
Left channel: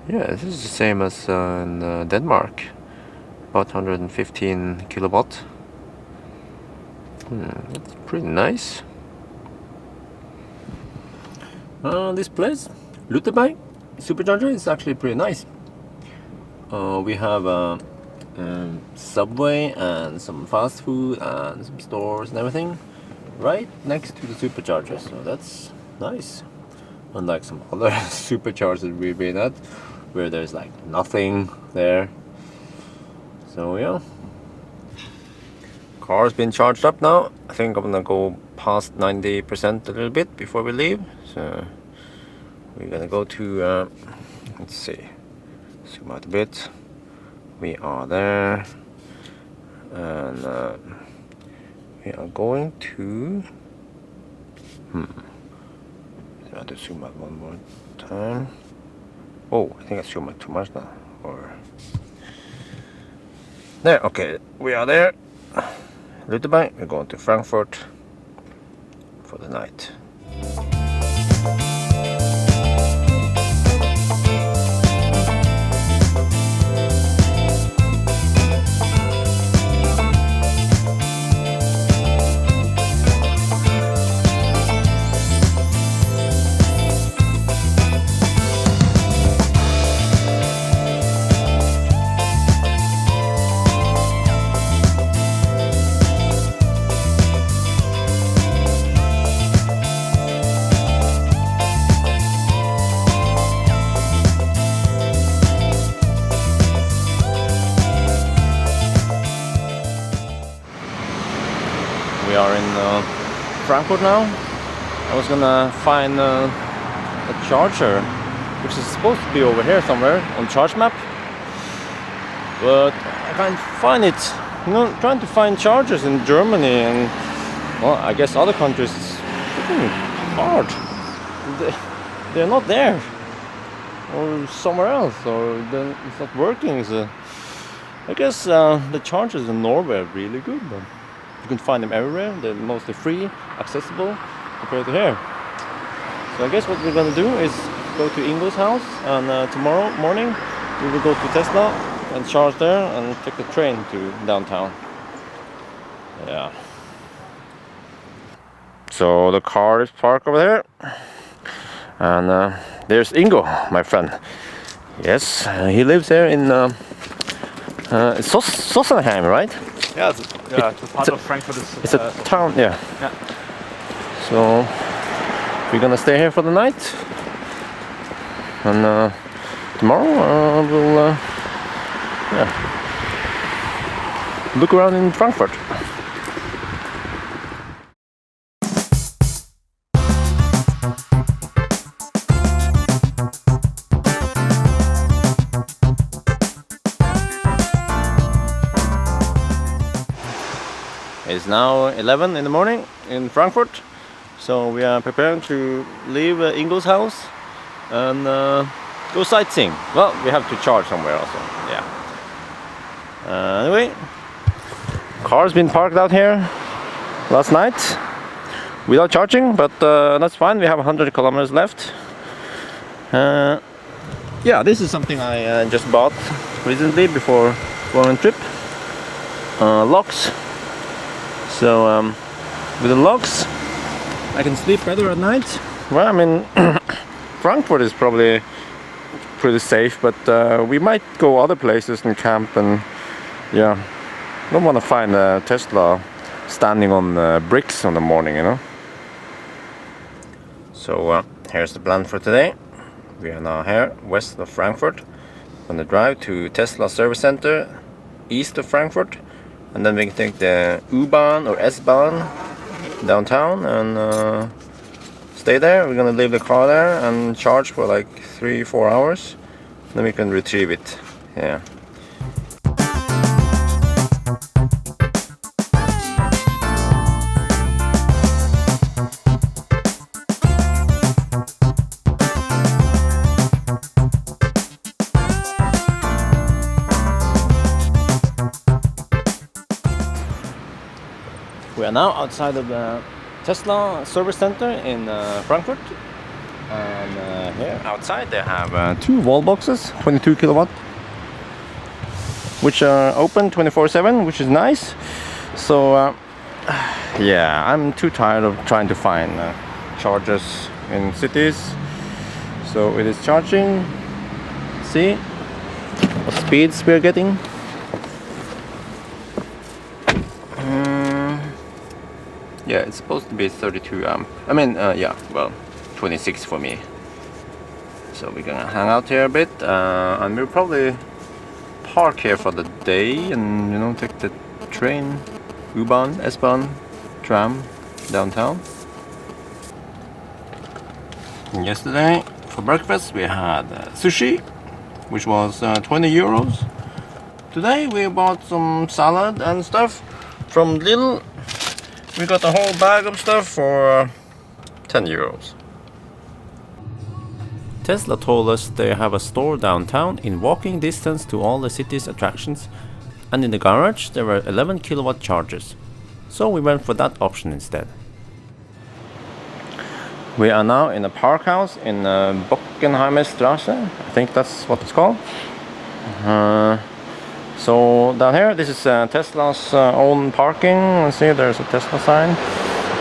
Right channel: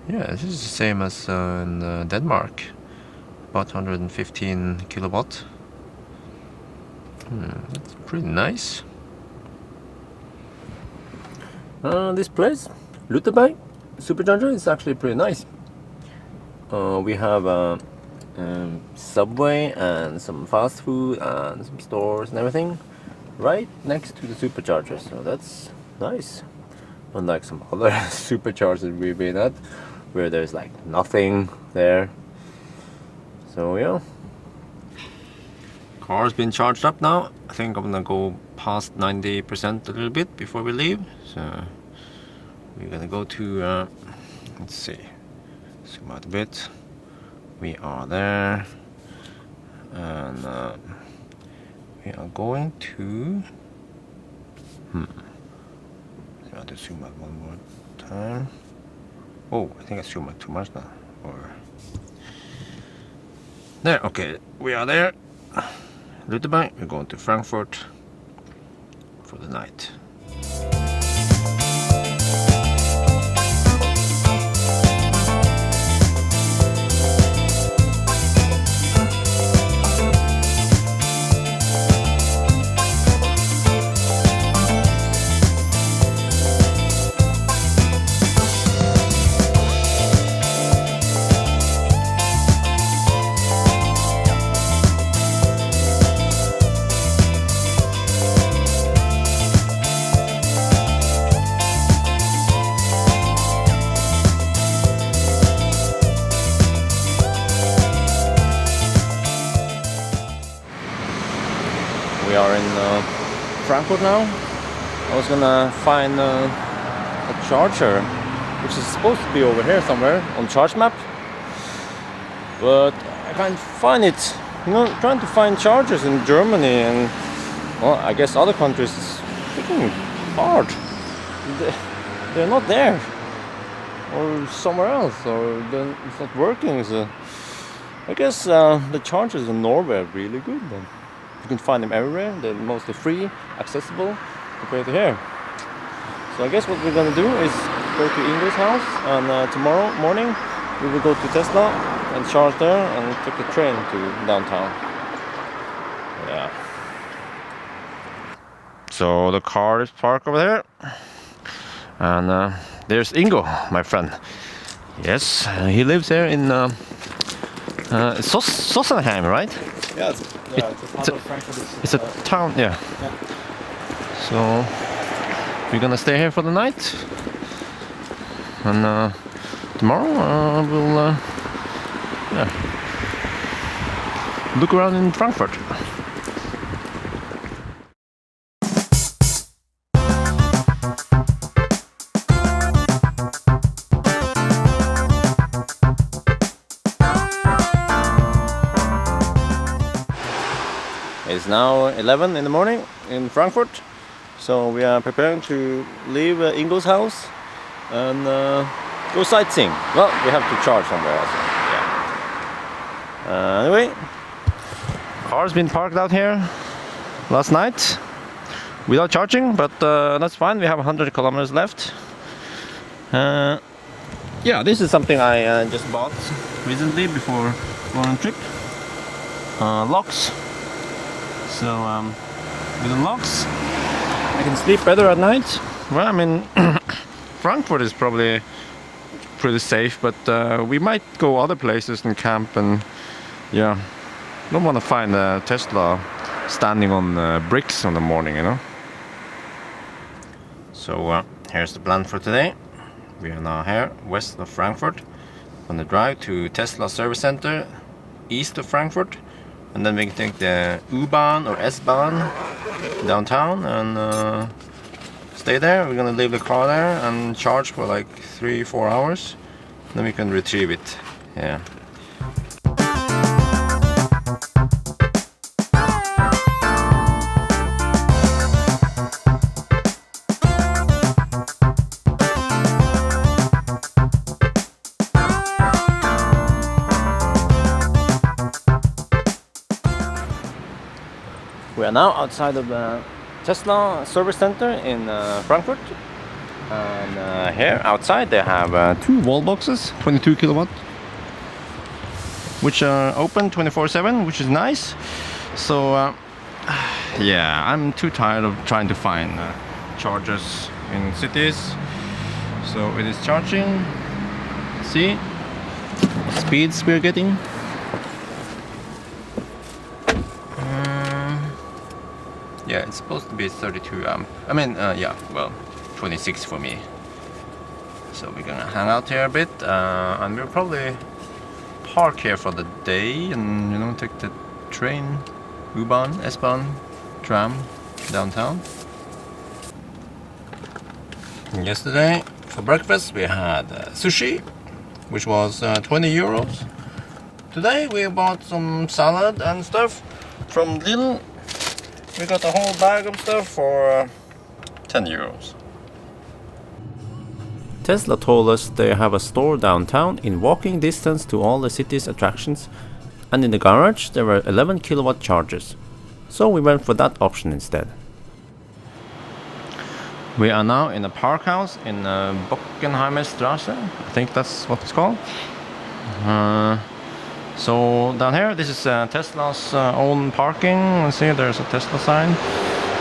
Yeah, this is the same as in Denmark. About 115 kilowatt. That's pretty nice. This place, Lutai supercharger, is actually pretty nice. We have Subway and some fast food and some stores and everything right next to the supercharger, so that's nice. Unlike some other superchargers we've been at where there's like nothing there. So yeah, car's been charged up now. I think I'm gonna go past 90% a little bit before we leave, so we're gonna go to let's see, zoom out a bit. We are there, and we are going to I have to zoom out one more time. Oh, I think I zoomed out too much now. Or there, okay, we are there. Lutai, we're going to Frankfurt for the night. We are in Frankfurt now. I was gonna find a charger, which is supposed to be over here somewhere on charge map, but I can't find it. trying to find chargers in Germany and, well, I guess other countries is freaking hard. They're not there, or somewhere else, or then it's not working. So I guess the chargers in Norway are really good. Then you can find them everywhere. They're mostly free, accessible compared to here. So I guess what we're gonna do is go to Ingo's house, and tomorrow morning we will go to Tesla and charge there and take the train to downtown. Yeah. So the car is parked over there, and there's Ingo, my friend. Yes, he lives there in Sossenheim, right? Yeah, it's a part of Frankfurt. It's a town, yeah. Yeah. So we're gonna stay here for the night, and tomorrow we'll look around in Frankfurt. It's now 11 in the morning in Frankfurt, so we are preparing to leave Ingo's house and go sightseeing. Well, we have to charge somewhere also. Yeah. Anyway, car's been parked out here last night without charging, but that's fine. We have 100 kilometers left. Yeah, this is something I just bought recently before going on trip. Locks. So with the locks, I can sleep better at night. Well, I mean, Frankfurt is probably pretty safe, but we might go other places and camp, and yeah, don't want to find a Tesla standing on bricks in the morning, you know. So here's the plan for today. We are now here west of Frankfurt on the drive to Tesla service center east of Frankfurt, and then we can take the U-Bahn or S-Bahn downtown and stay there. We're gonna leave the car there and charge for like 3-4 hours, then we can retrieve it. Yeah. We are now outside of the Tesla service center in Frankfurt, and here outside they have 2 wall boxes, 22 kilowatt, which are open 24/7, which is nice. So yeah, I'm too tired of trying to find chargers in cities, so it is charging. See the speeds we're getting. Yeah, it's supposed to be 32 amp. I mean, yeah, well, 26 for me. So we're gonna hang out here a bit, and we'll probably park here for the day and, you know, take the train, U-Bahn, S-Bahn, tram downtown. And yesterday for breakfast we had sushi, which was 20 euros. Today we bought some salad and stuff from Lidl. We got a whole bag of stuff for 10 euros. Tesla told us they have a store downtown in walking distance to all the city's attractions, and in the garage there were 11 kilowatt chargers. So we went for that option instead. We are now in a park house in Bockenheimer Straße. I think that's what it's called. So down here, this is Tesla's own parking. You see there's a Tesla sign.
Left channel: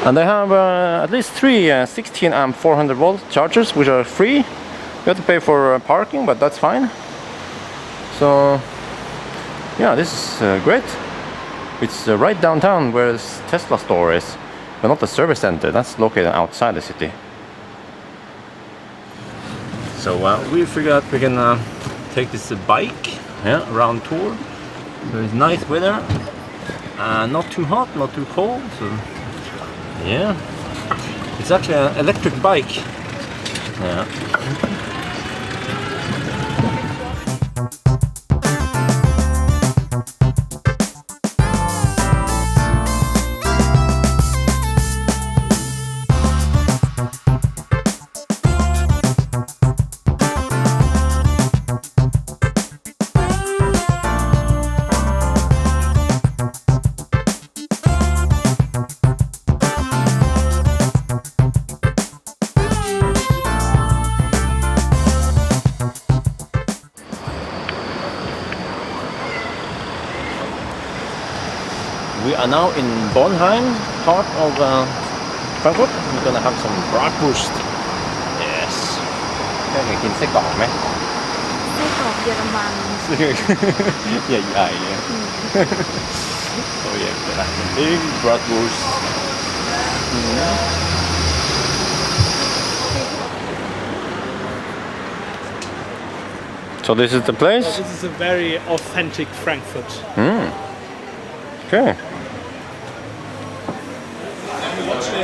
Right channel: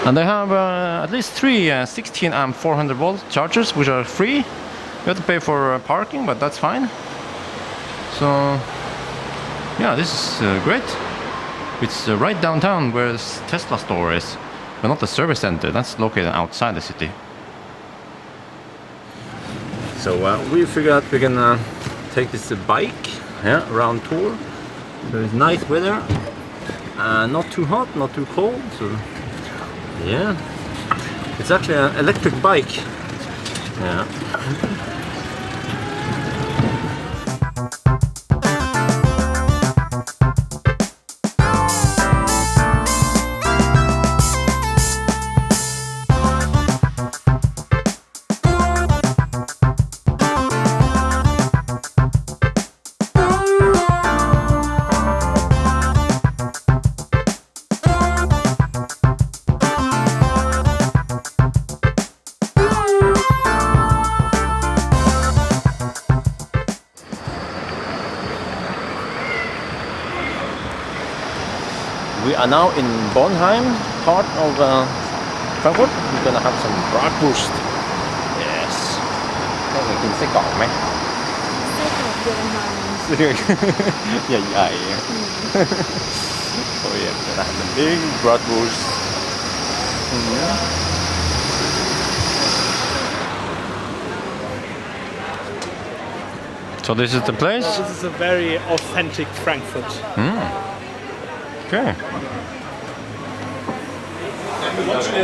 And they have at least 3 16 amp 400 volt chargers, which are free. We have to pay for parking, but that's fine. So yeah, this is great. It's right downtown where Tesla store is, but not the service center. That's located outside the city. So we figured out we can take this bike around tour. So it's nice weather, not too hot, not too cold. So yeah, it's actually an electric bike. Yeah. are now in Bornheim, part of Frankfurt. We're gonna have some bratwurst. Yes. แม่เคยกินไส้กรอกไหม ไส้กรอกเยอรมัน ใหญ่ๆ Oh yeah, we're gonna have the big bratwurst. So this is the place? So this is a very authentic Frankfurt. Okay.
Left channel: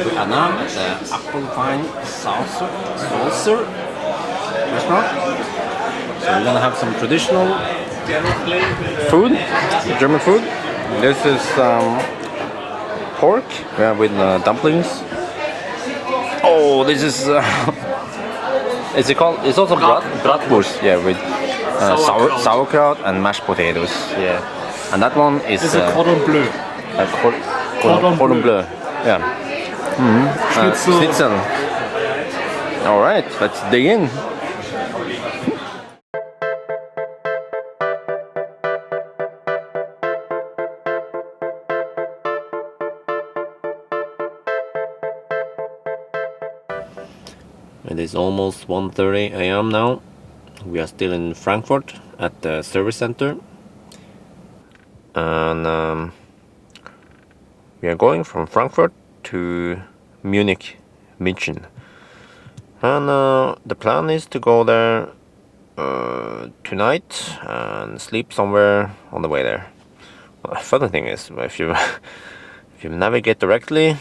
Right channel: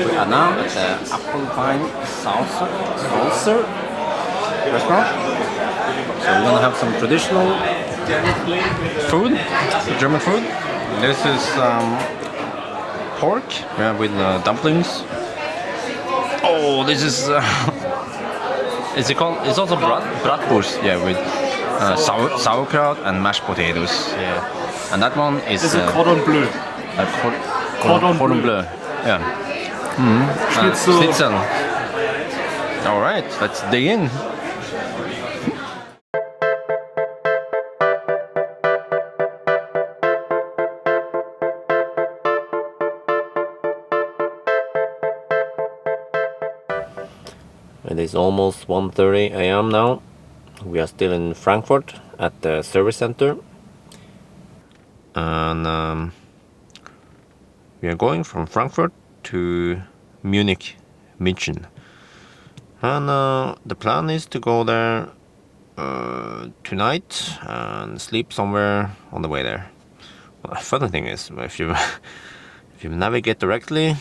We are now at the Apfelwein Saucer restaurant. So we're gonna have some traditional food, German food. This is pork, with dumplings. Oh, this is it's called. It's also bratwurst, with sauerkraut and mashed potatoes. Yeah, and that one is. It's a cordon bleu. Cordon bleu. Yeah. Schnitzel. All right, let's dig in. It is almost 1:30 a.m. now. We are still in Frankfurt at the service center. And we are going from Frankfurt to Munich, München. And the plan is to go there tonight and sleep somewhere on the way there. Well, the funny thing is, if you navigate directly,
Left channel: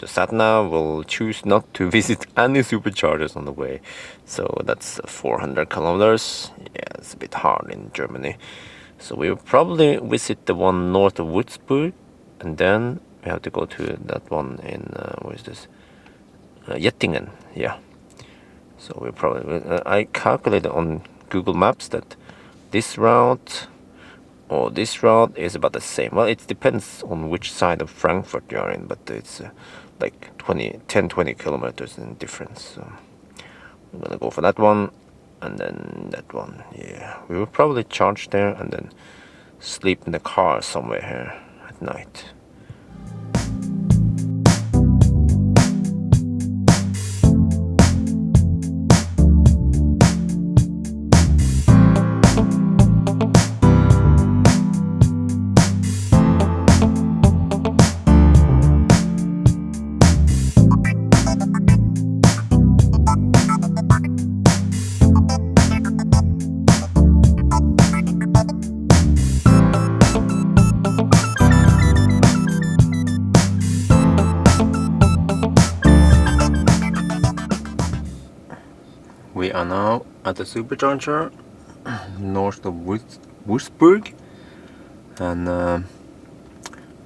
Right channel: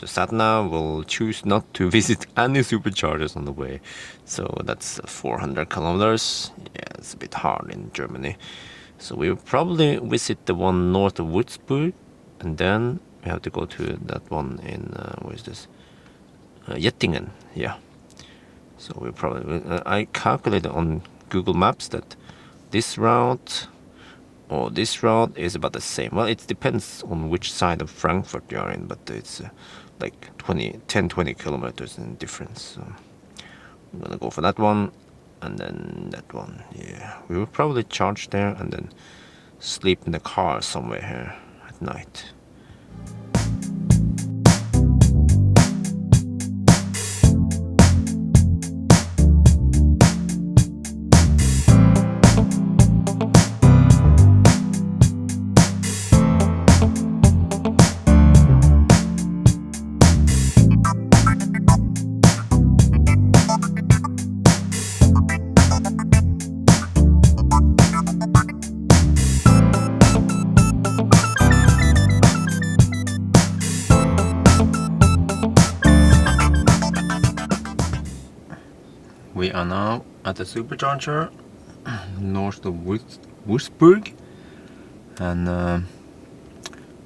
the sat-nav will choose not to visit any superchargers on the way. So that's 400 kilometers. Yeah, it's a bit hard in Germany. So we will probably visit the one north of Würzburg, and then we have to go to that one in, where is this? Jettingen, yeah. So we probably, I calculated on Google Maps that this route or this route is about the same. Well, it depends on which side of Frankfurt you are in, but it's like 10-20 kilometers in difference. So I'm gonna go for that one, and then that one. Yeah, we will probably charge there and then sleep in the car somewhere here at night. We are now at the supercharger north of Würzburg, and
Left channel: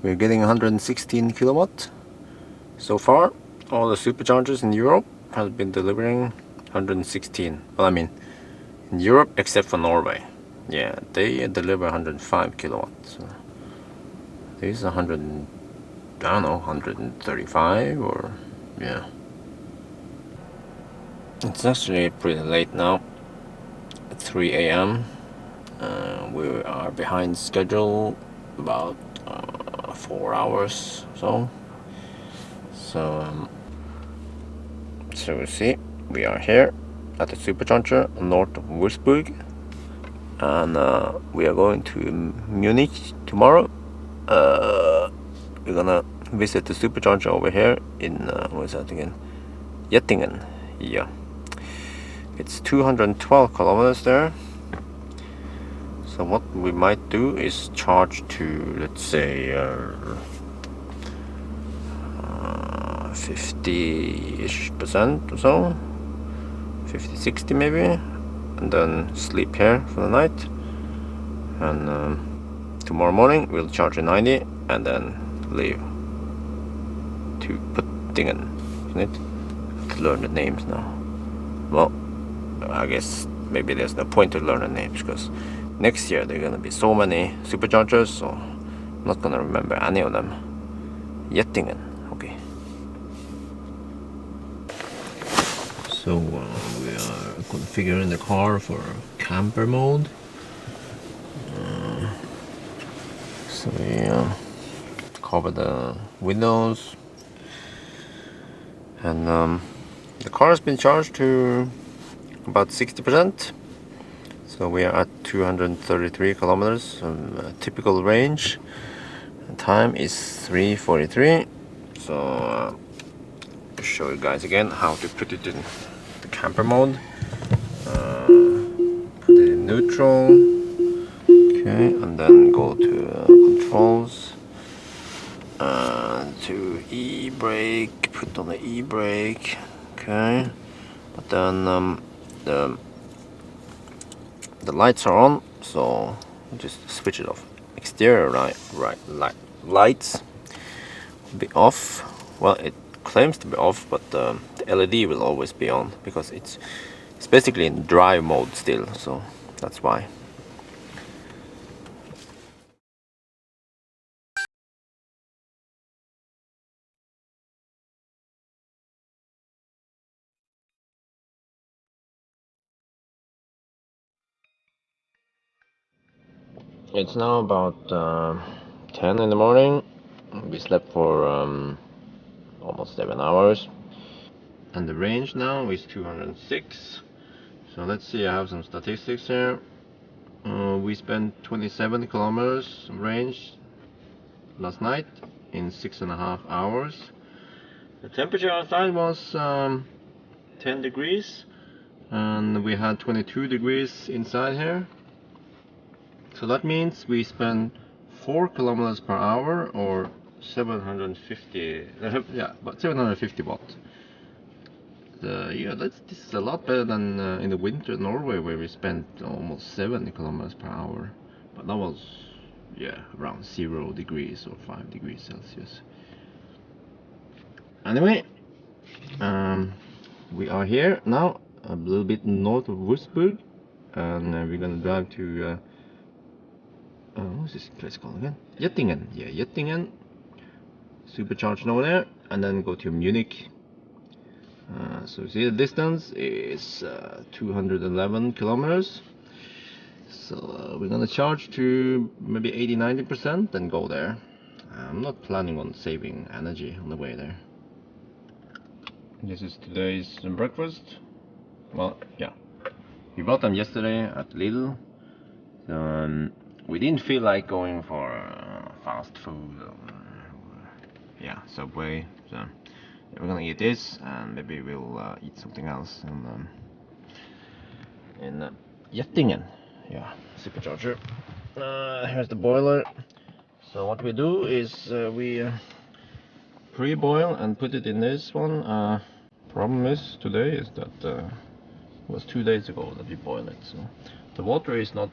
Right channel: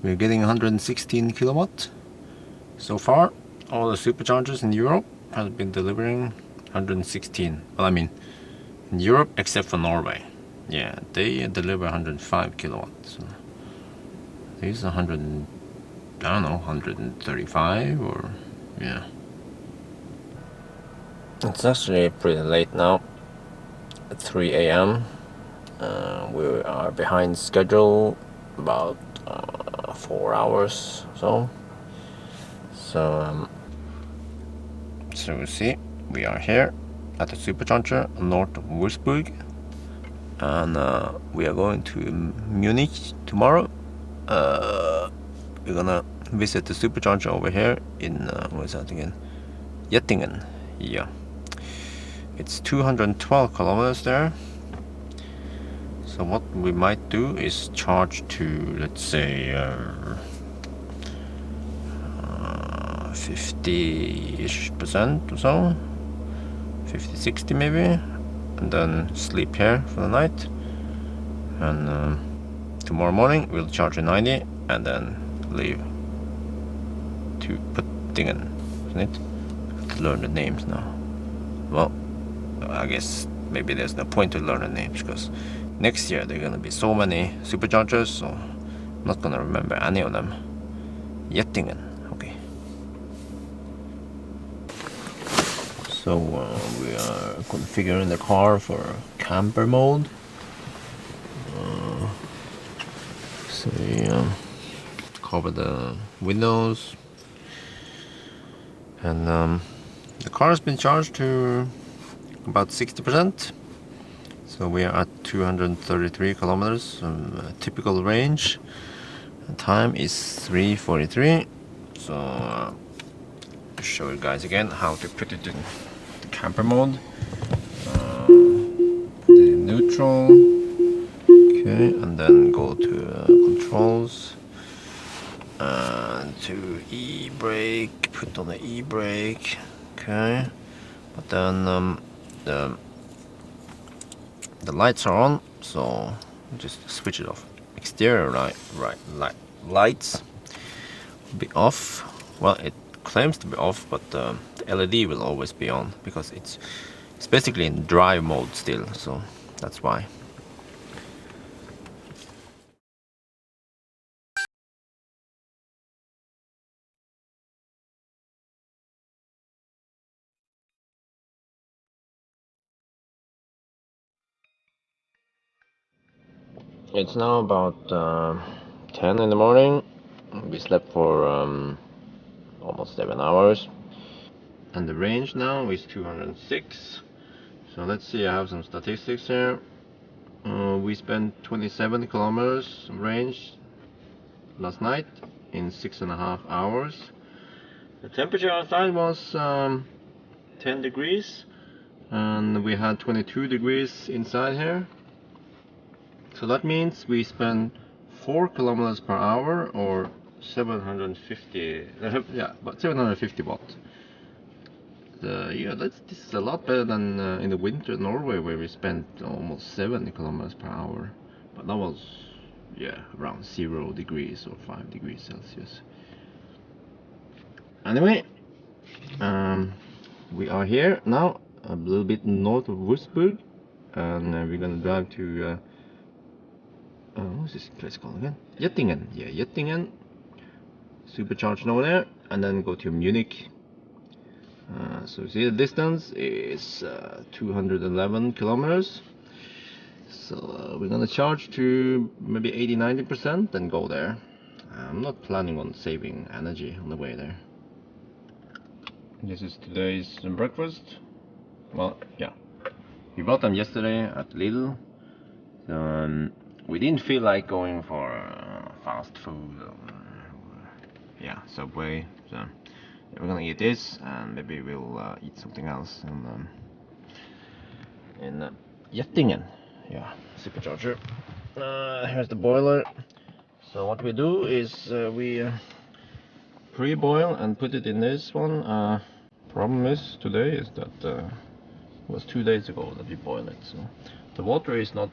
we're getting 116 kilowatt so far. All the superchargers in Europe have been delivering 116. Well, I mean in Europe except for Norway. Yeah, they deliver 105 kilowatts. So these 100, I don't know, 135 or yeah. It's actually pretty late now, at 3 a.m. We are behind schedule about 4 hours or so. So we see, we are here at the supercharger north of Würzburg, and we are going to Munich tomorrow. We're gonna visit the supercharger over here in, what's that again? Jettingen, yeah. It's 212 kilometers there. So what we might do is charge to, let's say, 50-ish% or so, 50-60 maybe, and then sleep here for the night. And tomorrow morning we'll charge a 90 and then leave to Puttingen, isn't it? To learn the names now. Well, I guess maybe there's no point to learn the names, because next year there are going to be so many superchargers, so I'm not going to remember any of them. Jettingen, okay. So we are configuring the car for camper mode. So we cover the windows, and the car has been charged to about 60%. So we are at 233 kilometers, typical range. The time is 3:43. So I'll show you guys again how to put it in the camper mode. Put it in neutral. Okay, and then go to controls. To e-brake. Put on the e-brake. Okay. Then the lights are on, so just switch it off. Exterior lights be off. Well, it claims to be off, but the LED will always be on because it's basically in drive mode still, so that's why. It's now about 10 in the morning. We slept for almost 7 hours. And the range now is 206. So let's see, I have some statistics here. We spent 27 kilometers range last night in 6.5 hours. The temperature outside was 10 degrees. And we had 22 degrees inside here. So that means we spent 4 kilometers per hour, or 750, about 750 watt. This is a lot better than in the winter in Norway, where we spent almost 70 kilometers per hour. But that was, around 0 degrees or 5 degrees Celsius. Anyway, we are here now, a little bit north of Würzburg, and we're gonna drive to what's this place called again? Jettingen. Yeah, Jettingen. Supercharged over there, and then go to Munich. So see, the distance is 211 kilometers. So we're gonna charge to maybe 80-90% and go there. I'm not planning on saving energy on the way there. This is today's breakfast. Well, yeah, we bought them yesterday at Lidl. We didn't feel like going for fast food or Subway, so we're gonna eat this, and maybe we'll eat something else in Jettingen. Yeah, supercharger. Here's the boiler. So what we do is we pre-boil and put it in this one. Problem is today is that it was 2 days ago that we boiled it, so the water is not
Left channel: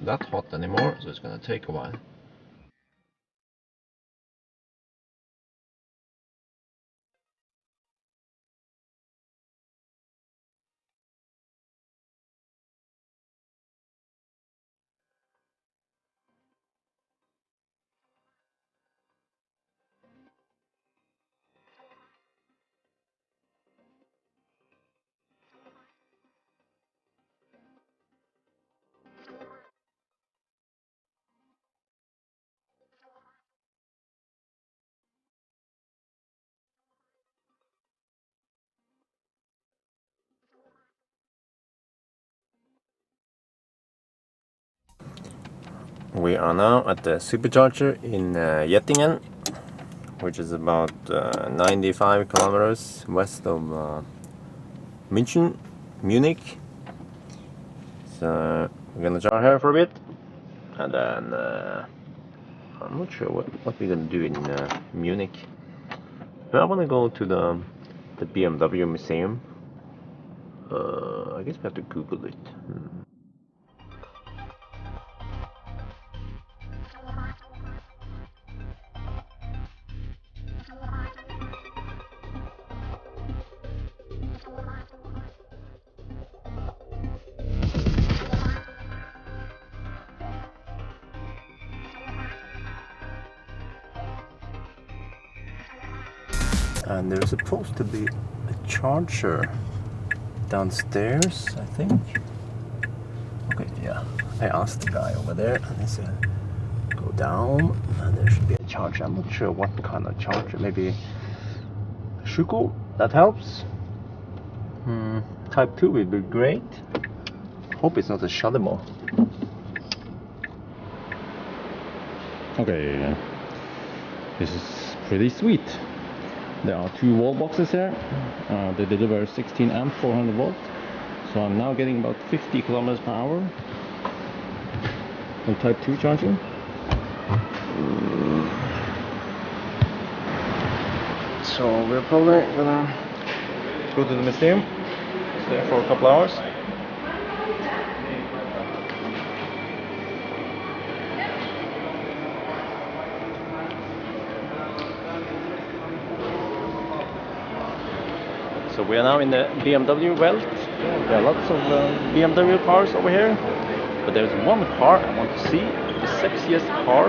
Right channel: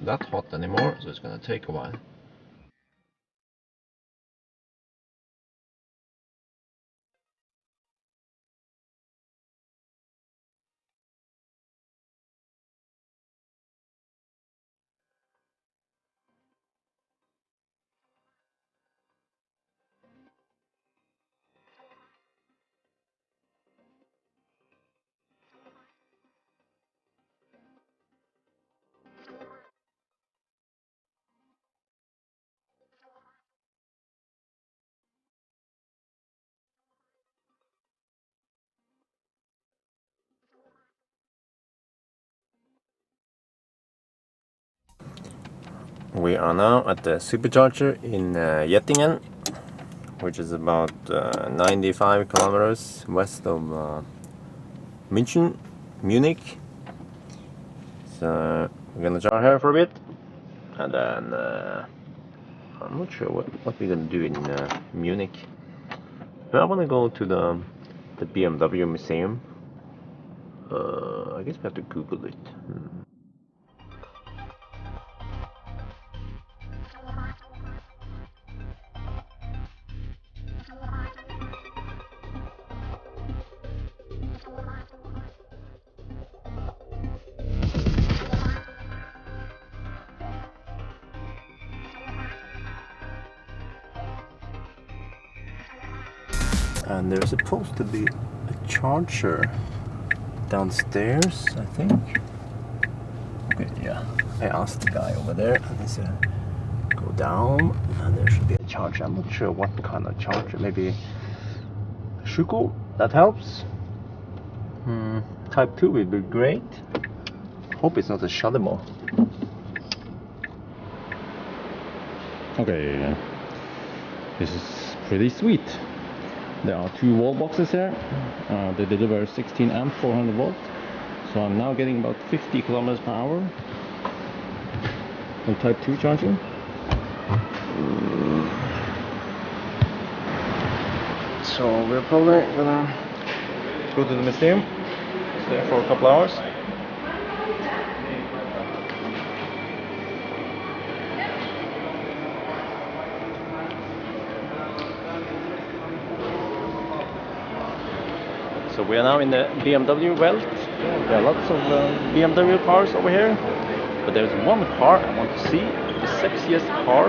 that hot anymore, so it's gonna take a while. We are now at the supercharger in Jettingen, which is about 95 kilometers west of Munich. So we're gonna charge here for a bit, and then I'm not sure what we're gonna do in Munich. But I wanna go to the BMW museum. I guess we have to Google it. And there's supposed to be a charger downstairs, I think. Okay, yeah. I asked the guy over there, and he said, go down and there should be a charger. I'm not sure what kind of charger. Maybe Shuko, that helps. Type 2 would be great. Hope it's not a Shademo. Okay, this is pretty sweet. There are 2 wall boxes here. They deliver 16 amp 400 volt. So I'm now getting about 50 kilometers per hour on type 2 charging. So we're probably gonna go to the museum, stay for a couple hours. So we are now in the BMW belt. There are lots of BMW cars over here, but there's one car I want to see, the sexiest car,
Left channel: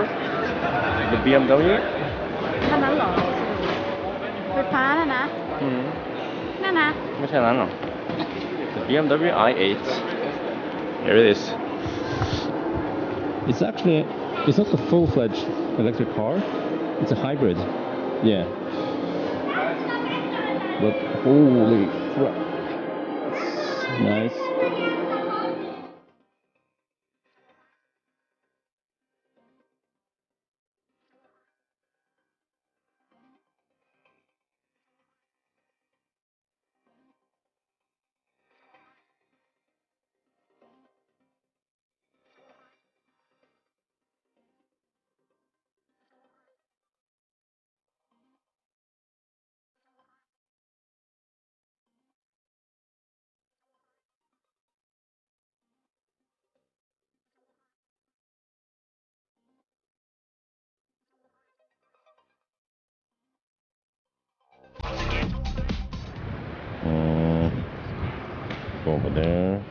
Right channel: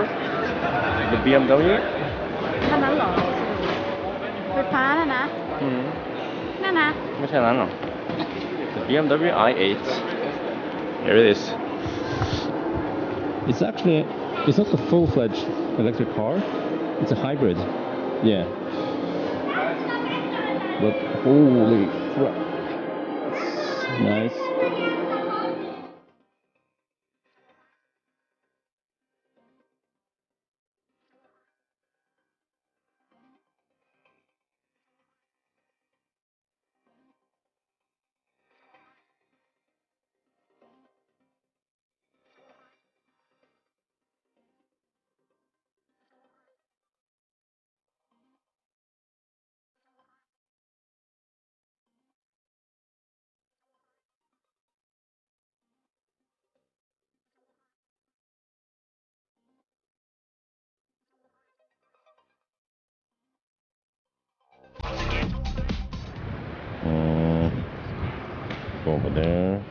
the BMW. คันนั้นเหรอไฟฟ้าน่ะนะนั่นนะ ไม่ใช่นั้นหรอ The BMW i8. Here it is. It's actually, it's not a full-fledged electric car. It's a hybrid. Yeah. But holy crap. Nice. Go over there.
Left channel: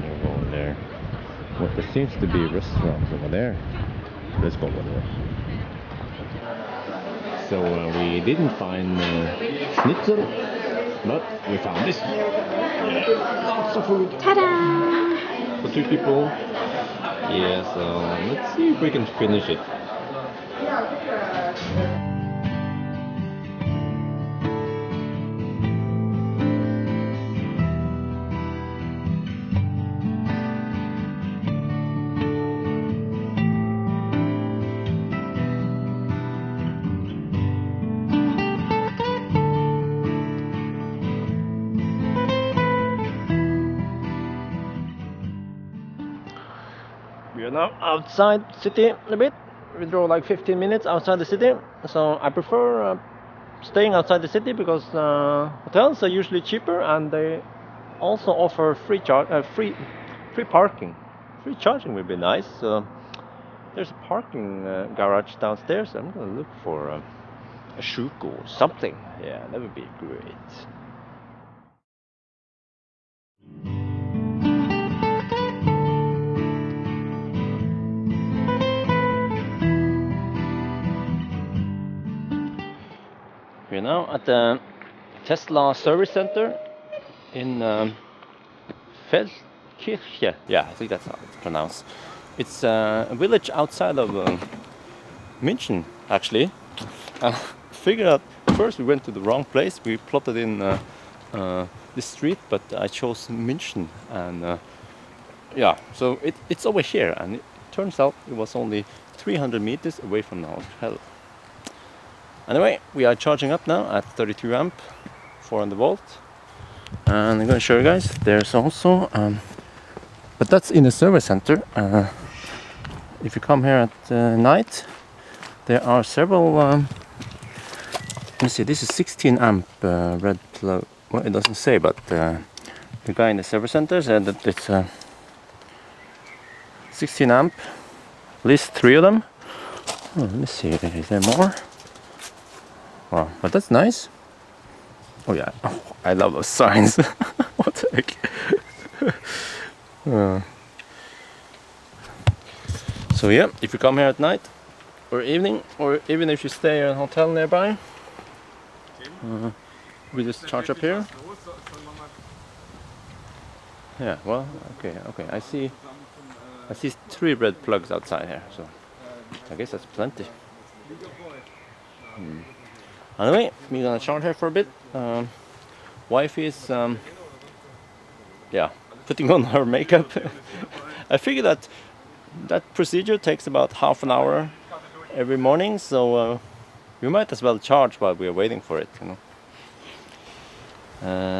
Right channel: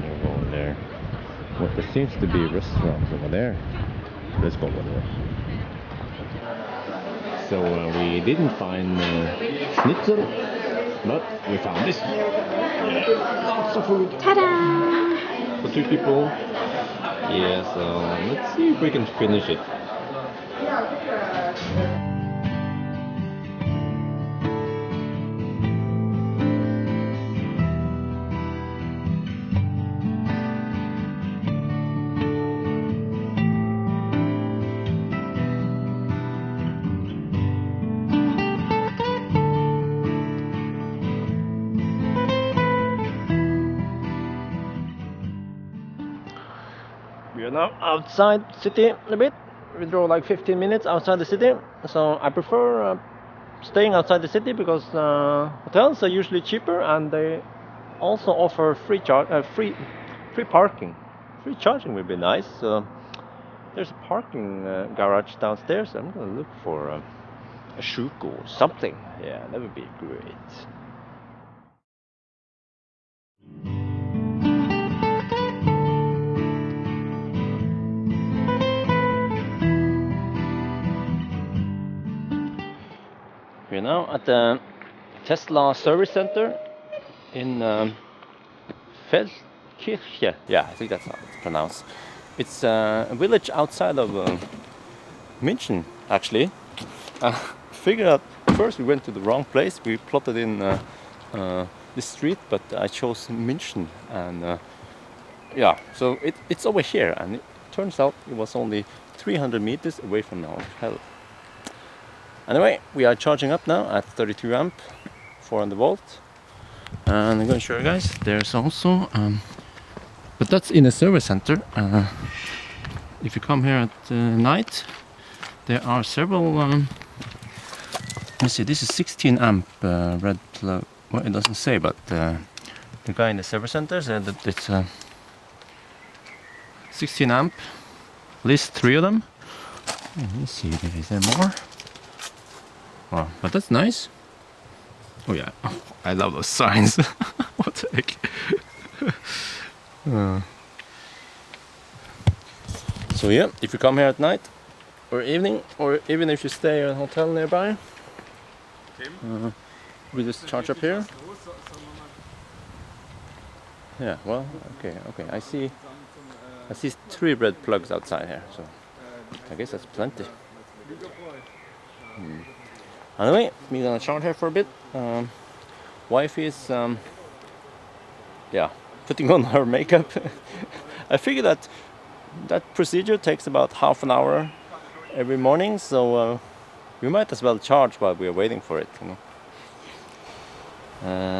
We'll go over there. Well, there seems to be restaurants over there. Let's go over there. So we didn't find schnitzel, but we found this. Lots of food. Ta-da! For 2 people. Yeah, so let's see if we can finish it. We are now outside city a bit. We drove like 15 minutes outside the city, so I prefer staying outside the city because hotels are usually cheaper and they also offer free parking. Free charging would be nice. So there's a parking garage downstairs. I'm gonna look for a Shuko or something. Yeah, that would be great. We're now at the Tesla service center in Feldkirche. Yeah, I think that's how it's pronounced. It's a village outside of München, actually. Figured out first we went to the wrong place. We plotted in this street, but I chose München, and yeah, so it's over here, and it turns out it was only 300 meters away from the hotel. Anyway, we are charging up now at 32 amp, 400 volt, and I'm going to show you guys. There's also, but that's in the service center. If you come here at night, there are several. Let me see. This is 16 amp red. Well, it doesn't say, but the guy in the service center said that it's 16 amp. At least 3 of them. Oh, let me see. Is there more? Wow, but that's nice. Oh yeah, I love those signs. What the heck? So yeah, if you come here at night or evening, or even if you stay at a hotel nearby, we just charge up here. Yeah, well, okay. I see 3 red plugs outside here. So I guess that's plenty. Anyway, we're gonna charge her for a bit. Wife is, yeah, putting on her makeup. I figure that procedure takes about half an hour every morning, so we might as well charge while we are waiting for it, you know.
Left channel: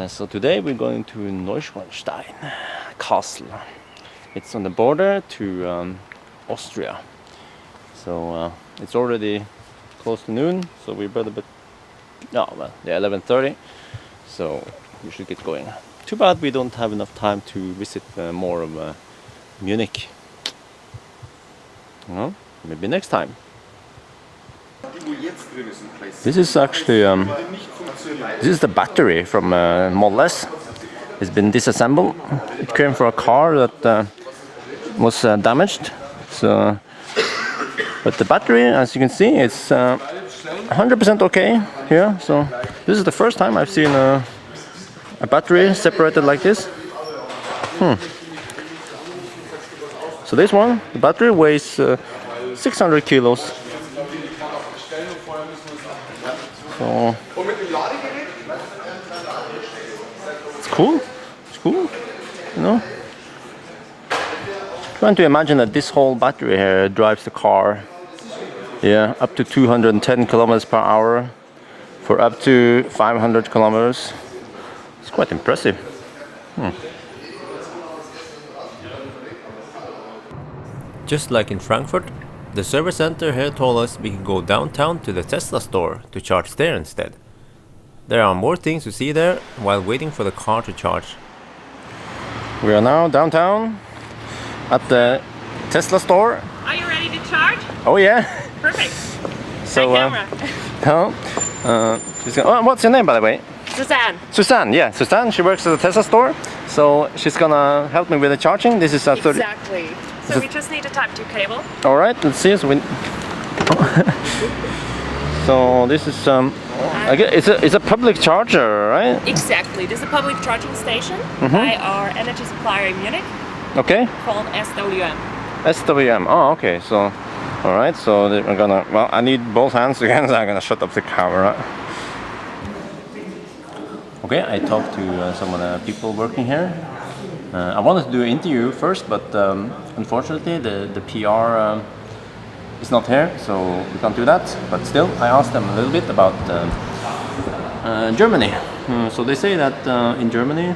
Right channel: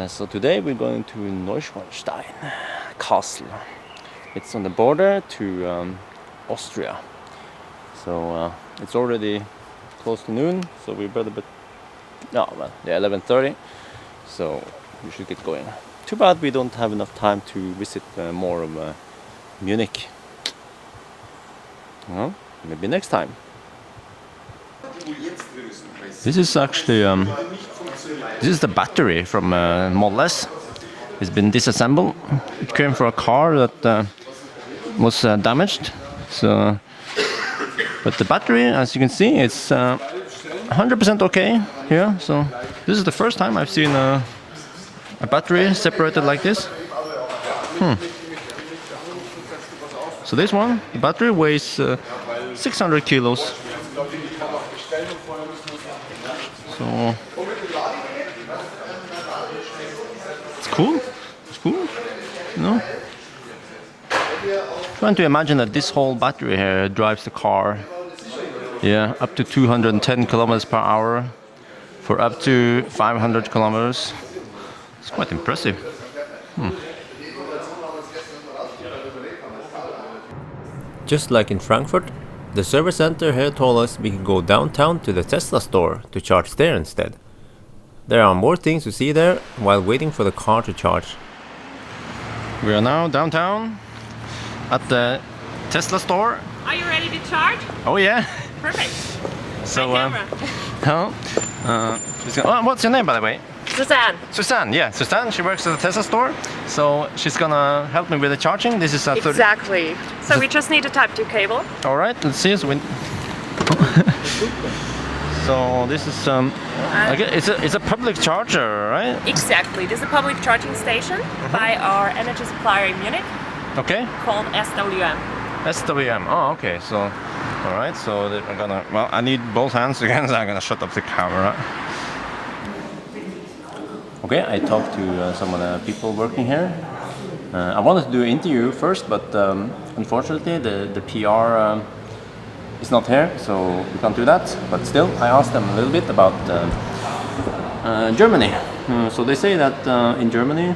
So today we're going to Neuschwanstein Castle. It's on the border to Austria. So it's already close to noon, so we better be... No, well, yeah, 11:30. So we should get going. Too bad we don't have enough time to visit more of Munich. Well, maybe next time. This is actually this is the battery from Model S. It's been disassembled. It came from a car that was damaged. So, but the battery, as you can see, it's 100% okay. Yeah. So this is the first time I've seen a battery separated like this. So this one, the battery weighs 600 kilos. So it's cool. It's cool. You know? Trying to imagine that this whole battery here drives the car, yeah, up to 210 kilometers per hour for up to 500 kilometers. It's quite impressive. Just like in Frankfurt, the service center here told us we could go downtown to the Tesla store to charge there instead. There are more things to see there while waiting for the car to charge. We are now downtown at the Tesla store. Are you ready to charge? Oh yeah. Perfect. So, Hi, camera. What's your name, by the way? Suzanne. Suzanne, yeah. Suzanne, she works at the Tesla store. So she's gonna help me with the charging. This is Exactly. So we just need to tap 2 cable. All right, let's see. So this is I guess it's a public charger, right? Exactly. This is a public charging station by our energy supplier in Munich Okay. called SWM. SWM. Oh, okay. So, all right. So I'm gonna. Well, I need both hands again, so I'm gonna shut up the camera. Okay, I talked to some of the people working here. I wanted to do an interview first, but unfortunately the PR is not here, so we can't do that. But still, I asked them a little bit about Germany. So they say that in Germany,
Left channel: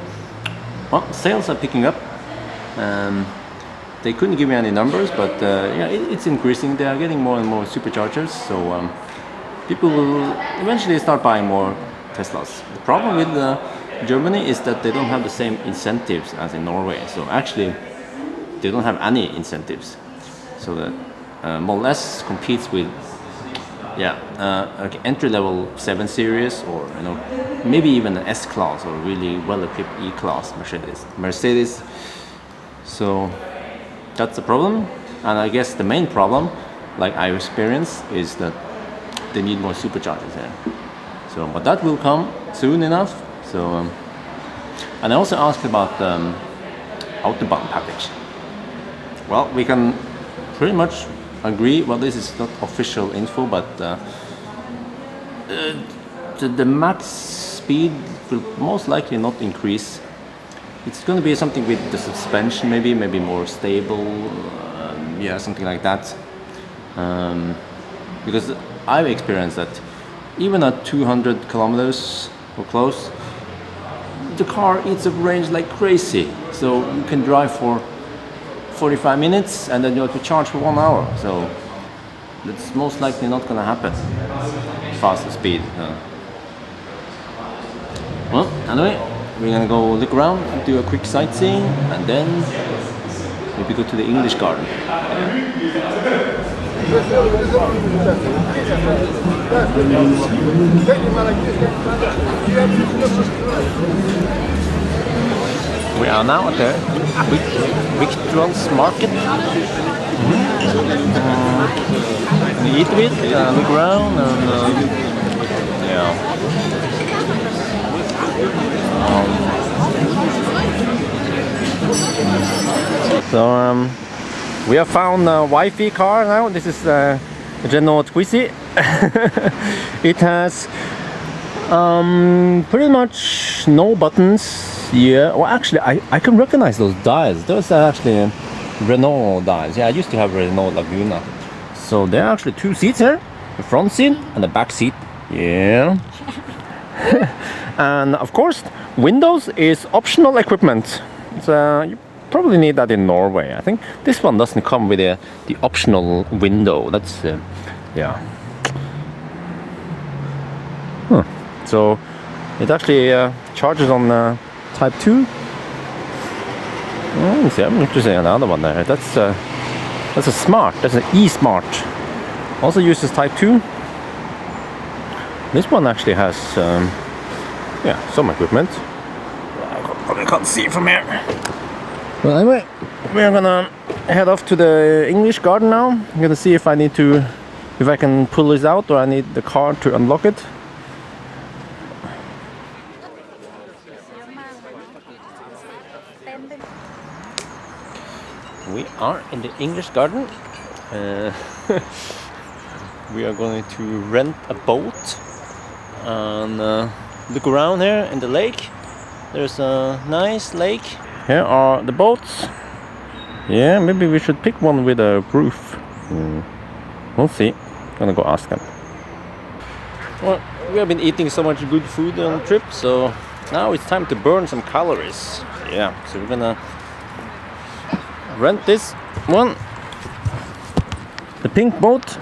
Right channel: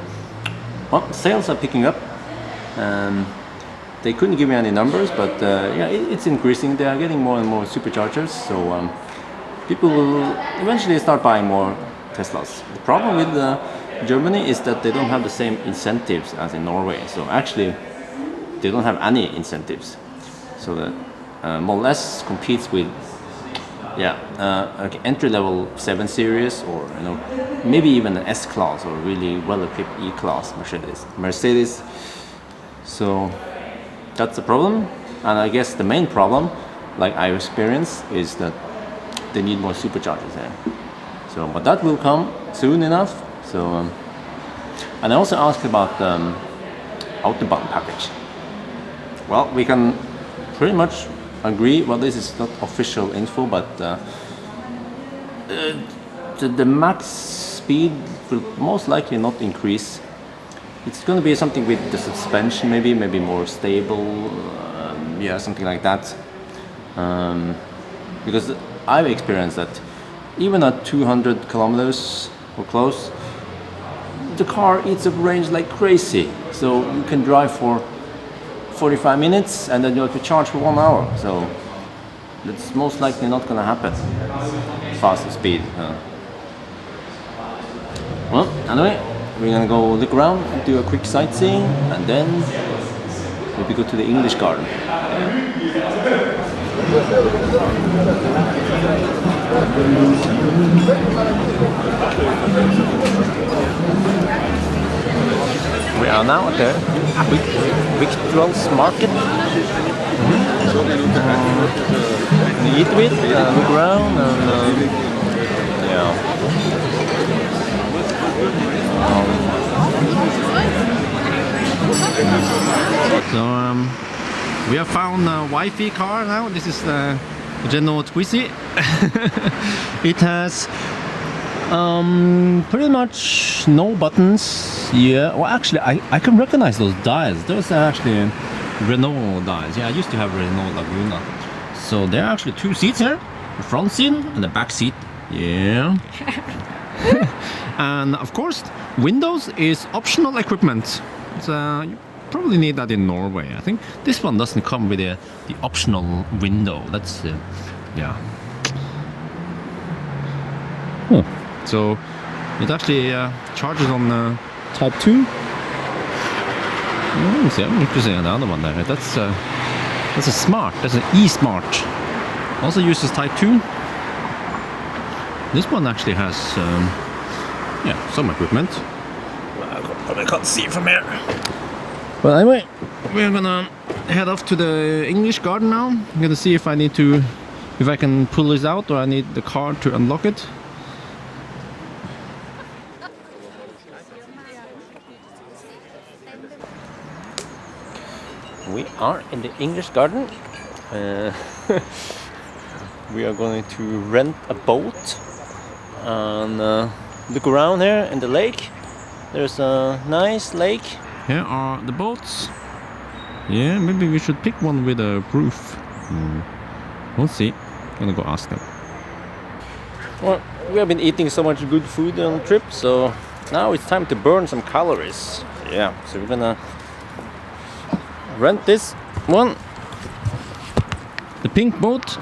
well, sales are picking up. They couldn't give me any numbers, but yeah, it's increasing. They are getting more and more superchargers, so people will eventually start buying more Teslas. The problem with Germany is that they don't have the same incentives as in Norway. So actually, they don't have any incentives. So the Model S competes with, yeah, like entry-level 7 Series, or maybe even an S-Class or really well-equipped E-Class Mercedes. So that's the problem. And I guess the main problem, like I experienced, is that they need more superchargers there. So, but that will come soon enough. So, and I also asked about the Autobahn package. Well, we can pretty much agree. Well, this is not official info, but the max speed will most likely not increase. It's going to be something with the suspension, maybe more stable. Yeah, something like that. Because I've experienced that. Even at 200 kilometers or close, the car eats up range like crazy. So you can drive for 45 minutes and then you have to charge for 1 hour. So that's most likely not going to happen. Faster speed. Well, anyway, we're going to go look around, do a quick sightseeing, and then maybe go to the English garden. We are now at the Victuals Market. We eat a bit, look around, and yeah. So We have found a Wi-Fi car now. This is the Renault Twizy. It has pretty much no buttons. Yeah, well actually I can recognize those dials. Those are actually Renault dials. Yeah, I used to have Renault Laguna. So there are actually 2 seats here. The front seat and the back seat. Yeah. And of course, Windows is optional equipment. So you probably need that in Norway. I think this one doesn't come with the optional window. That's yeah. Huh. So it actually charges on Type 2. Oh, see, I'm interested in another one there. That's a smart. That's an e-smart. Also uses Type 2. This one actually has yeah, some equipment. I probably can't see it from here. Well, anyway, we're gonna head off to the English garden now. I'm gonna see if I can pull this out, or I need the car to unlock it. We are in the English garden. We are going to rent a boat and look around here in the lake. There's a nice lake. Here are the boats. Yeah, maybe we should pick one with a roof. We'll see. Gonna go ask them. Well, we have been eating so much good food on the trip, so now it's time to burn some calories. Yeah, so we're gonna rent this one, the pink boat.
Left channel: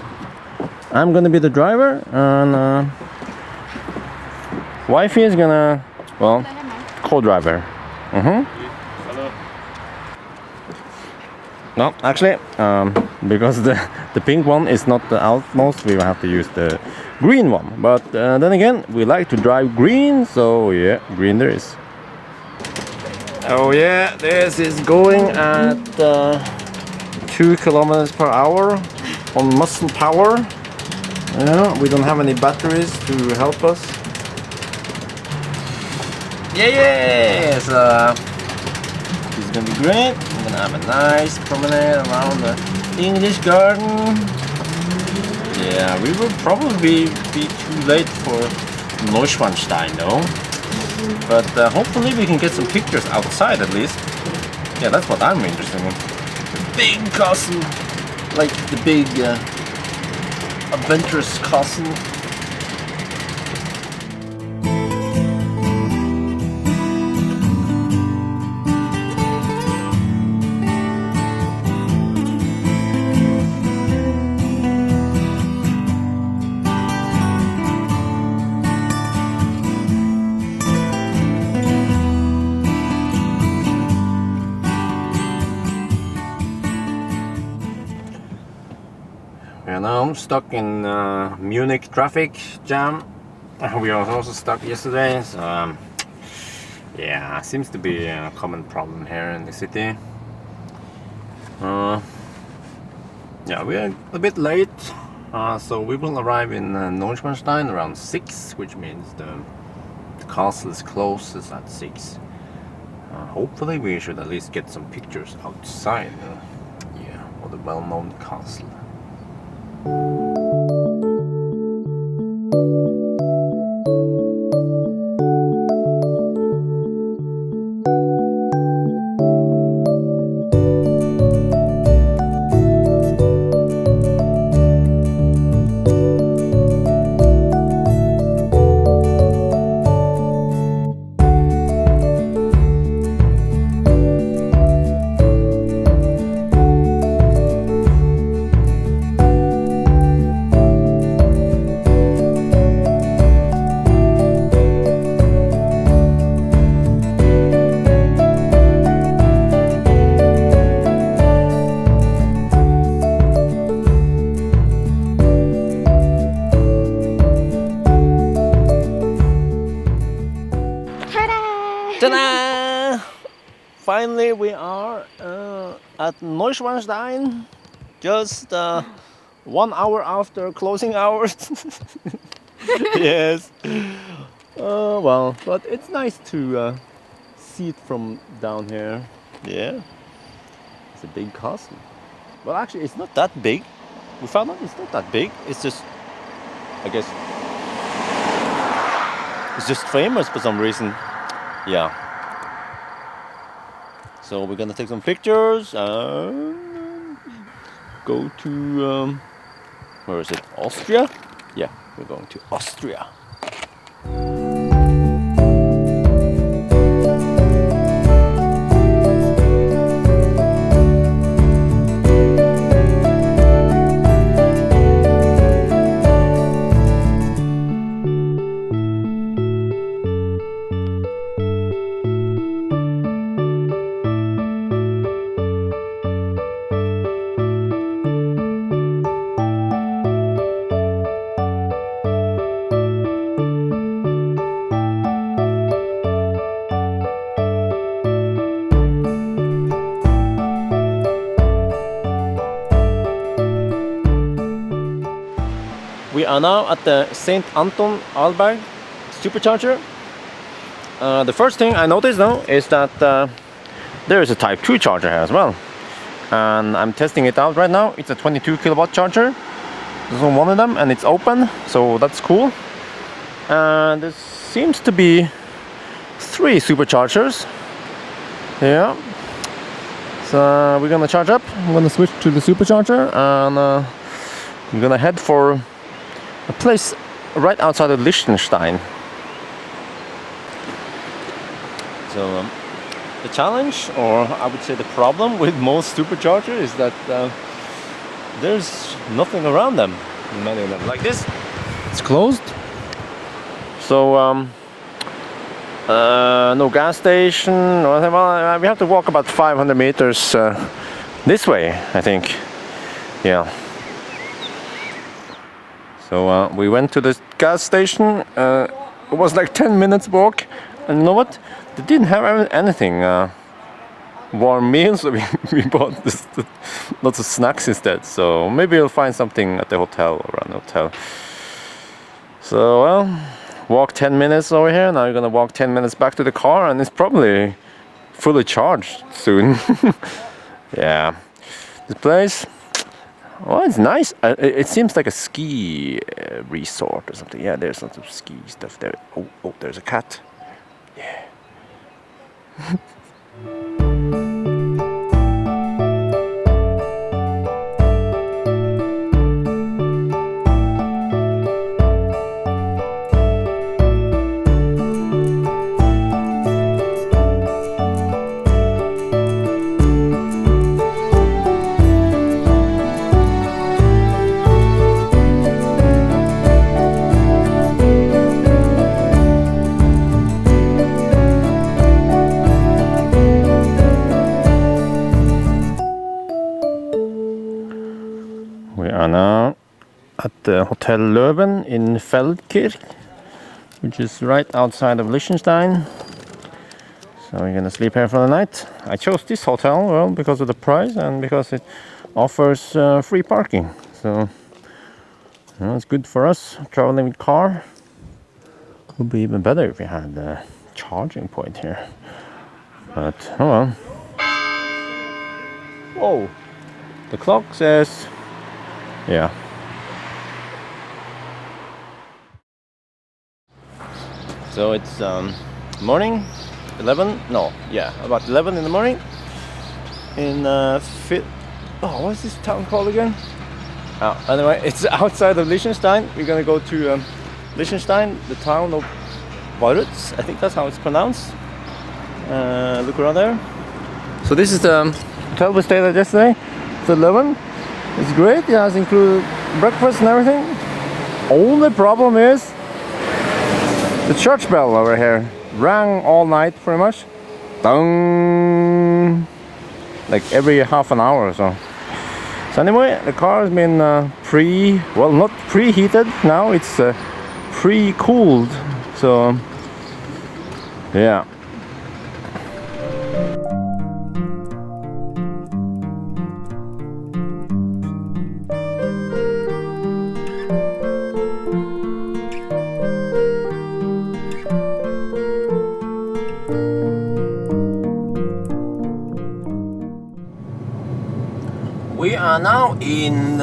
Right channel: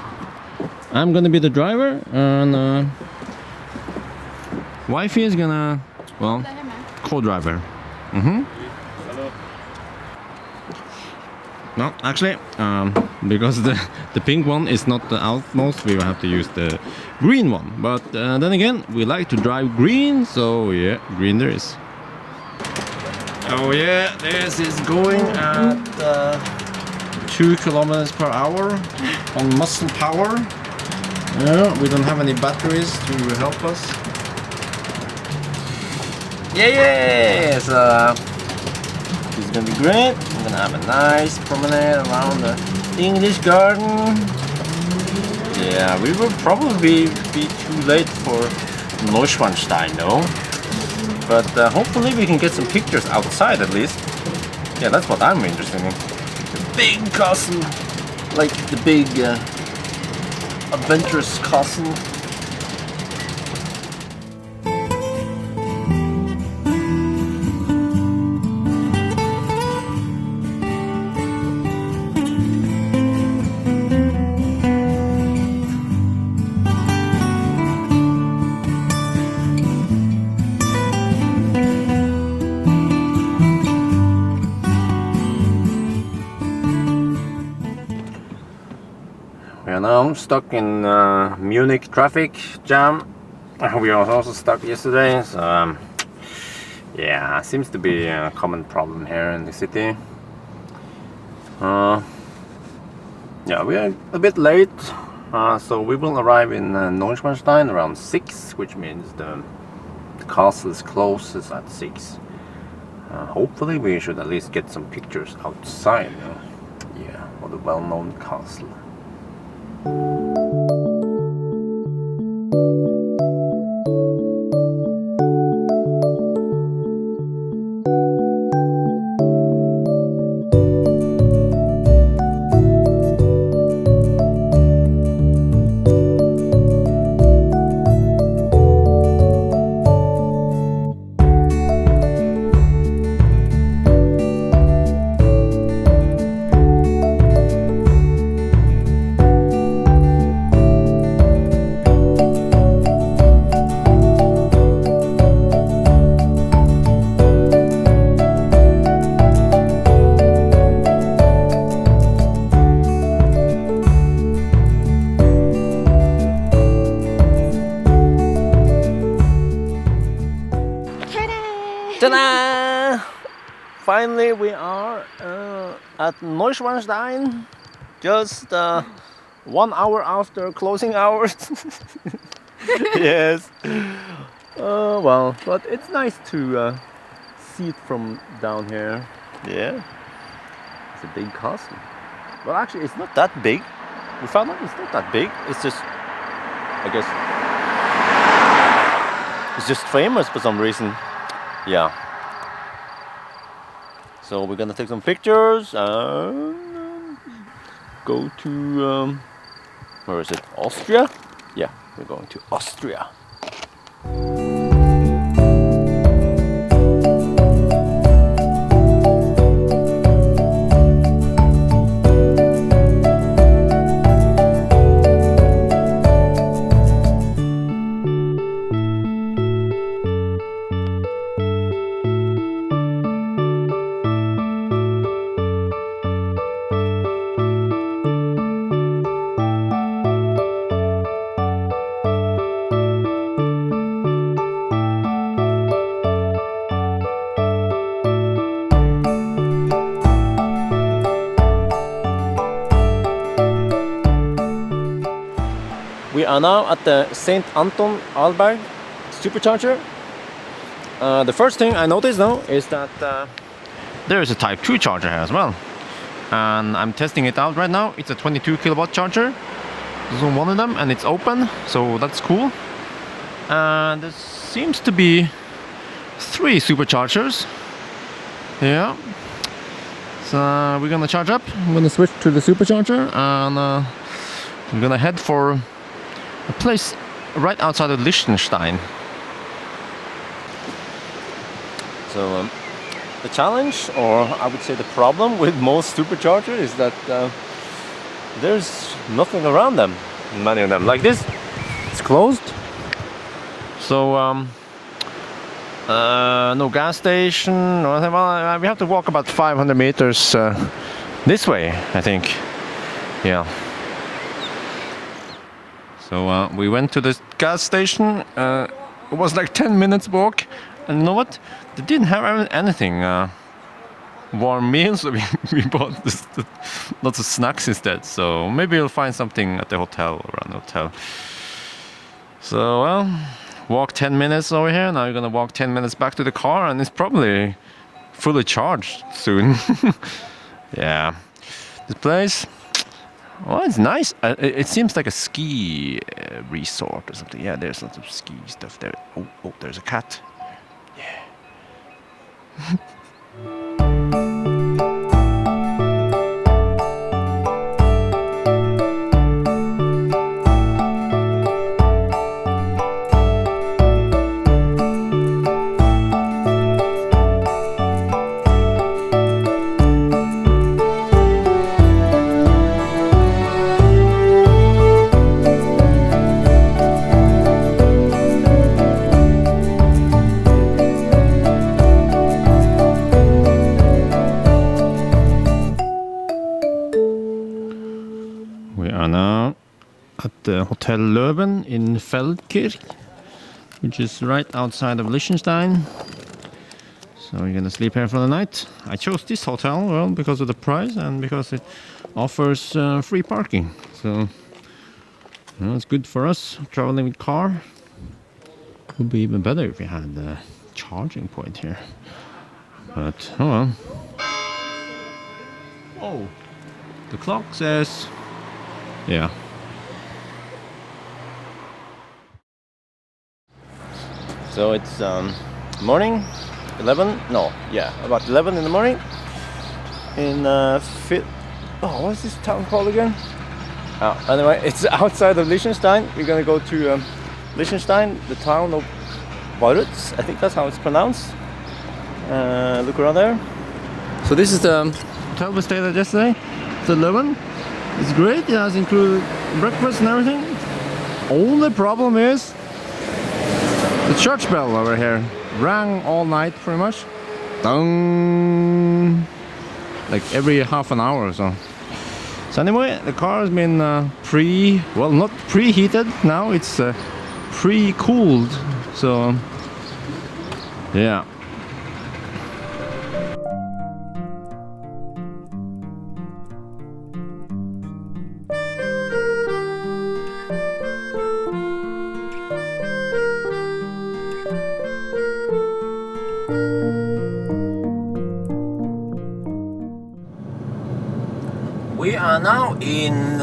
I'm gonna be the driver, and wifey is gonna, well, co-driver. No, actually, because the pink one is not the outmost, we will have to use the green one. But then again, we like to drive green, so yeah, green there is. Oh yeah, this is going at 2 kilometers per hour on muscle power. Yeah, we don't have any batteries to help us. Yeah, so this is gonna be great. We're gonna have a nice promenade around the English garden. Yeah, we will probably be too late for Neuschwanstein though. But hopefully we can get some pictures outside at least. Yeah, that's what I'm interested in. The big castle, like the big adventurous castle. We are now stuck in Munich traffic jam. We were also stuck yesterday, so yeah, seems to be a common problem here in the city. Yeah, we are a bit late, so we will arrive in Neuschwanstein around 6, which means the castle is closest at 6. Hopefully we should at least get some pictures outside, yeah, of the well-known castle. Ta-da! Finally we are at Neuschwanstein, just 1 hour after closing hours. Yes. Well, but it's nice to see it from down here. Yeah. It's a big castle. Well, actually, it's not that big. We found out it's not that big. It's just, I guess, it's just famous for some reason. Yeah. So we're gonna take some pictures and go to, where is it? Austria? Yeah, we're going to Austria. We are now at the St. Anton Alberg supercharger. The first thing I noticed now is that there is a Type 2 charger here as well. And I'm testing it out right now. It's a 22 kilowatt charger. This is one of them and it's open, so that's cool. And there seems to be 3 superchargers. Yeah. So we're gonna charge up. I'm gonna switch to the supercharger and I'm gonna head for a place right outside of Liechtenstein. So the challenge, or I would say the problem with most superchargers is that there's nothing around them, many of them. Like this, it's closed. So no gas station, or anything. Well, we have to walk about 500 meters this way, I think. Yeah. So we went to the gas station. It was like 10 minutes walk, and you know what? They didn't have anything. Warm meals. So we bought lots of snacks instead. So maybe we'll find something at the hotel or an hotel. So well, walk 10 minutes over here. Now we're gonna walk 10 minutes back to the car, and it's probably fully charged soon. Yeah, this place. Well, it's nice. It seems like a ski resort or something. Yeah, there's lots of ski stuff there. Oh, there's a cat. Yeah. The Hotel Löwen in Feldkirch, which is right outside of Liechtenstein. So we're gonna sleep here for the night. I chose this hotel, well, because of the price and because it offers free parking. So you know, it's good for us traveling with car. Would be even better if we had a charging point here. But oh well. Oh, the clock says, yeah. So it's morning, 11, no, yeah, about 11 in the morning in what's this town called again? Oh, anyway, it's outside of Liechtenstein. We're gonna go to Liechtenstein, the town of Vaduz, I think that's how it's pronounced. Look around there. So this is the hotel we stayed at yesterday. It's 11. It's great, it has included breakfast and everything. Only problem is the church bell over here rang all night pretty much. Dong! Like every half an hour or so. So anyway, the car has been not preheated now, it's pre-cooled. So yeah. We are are now in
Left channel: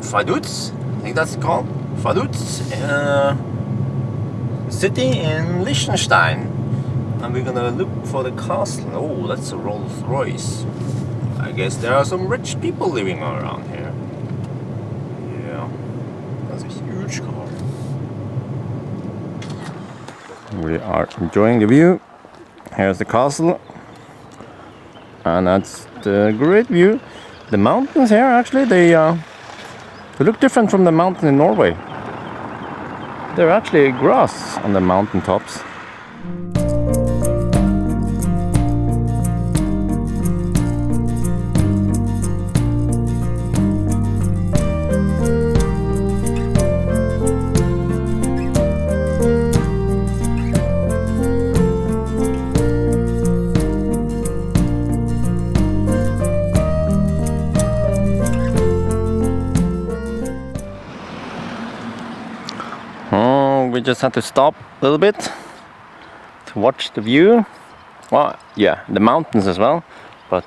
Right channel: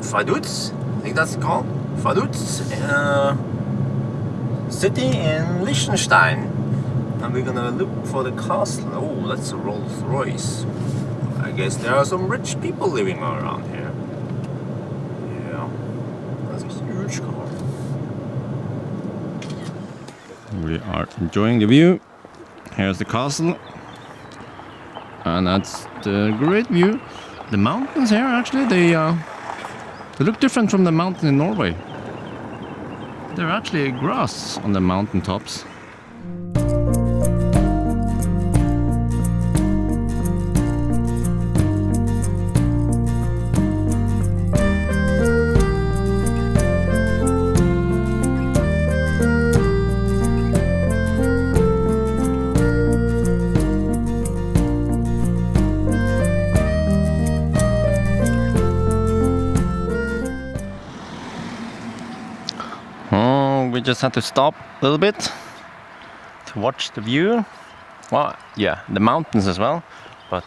Vaduz, I think that's called. Vaduz, city in Liechtenstein. And we're gonna look for the castle. Oh, that's a Rolls Royce. I guess there are some rich people living around here. Yeah, that's a huge car. We are enjoying the view. Here's the castle. And that's the great view. The mountains here, actually, they look different from the mountain in Norway. They're actually grass on the mountain tops. We just have to stop a little bit to watch the view. Well, yeah, the mountains as well, but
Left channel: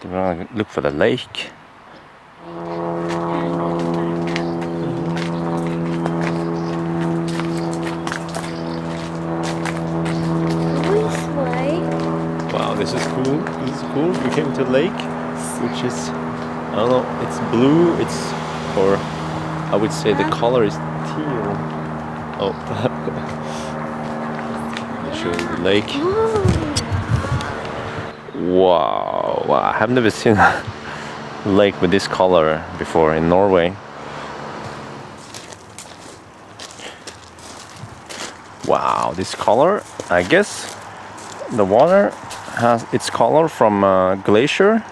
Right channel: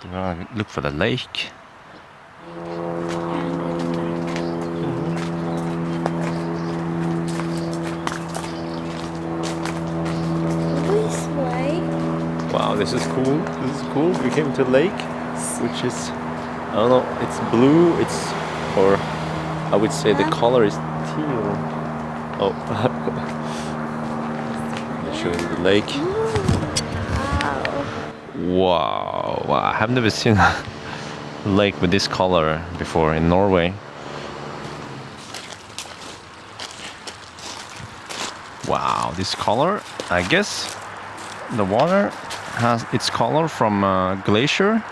look for the lake. This way. Wow, this is cool. This is cool. We came to a lake, which is, I don't know, it's blue. It's, or I would say the color is teal. Oh, I'll show you the lake. Wow, I have never seen a lake with this color before in Norway. Wow, this color, I guess the water has its color from a glacier.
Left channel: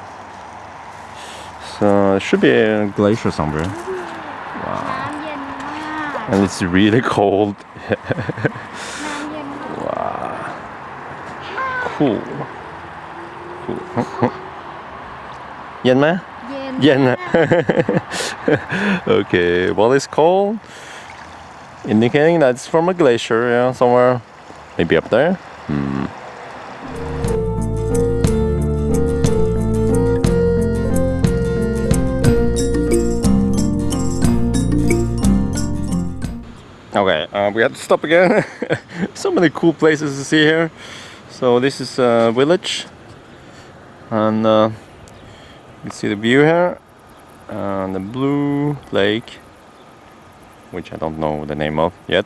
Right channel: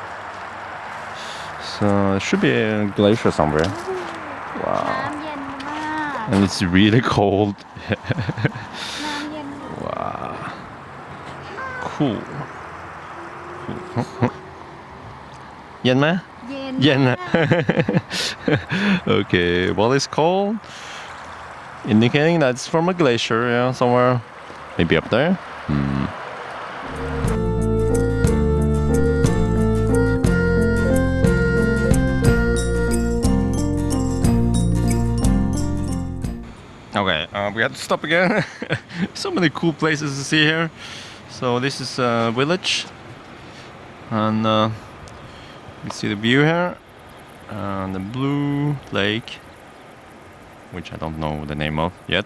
So it should be a glacier somewhere. Wow. And it's really cold. Cool. Yenไหม? Yen. Okay, well, it's cold, indicating that it's from a glacier, yeah, somewhere, maybe up there. Okay, we have to stop again. So many cool places to see here. So this is a village, and you see the view here, and the blue lake, which I don't know the name of yet.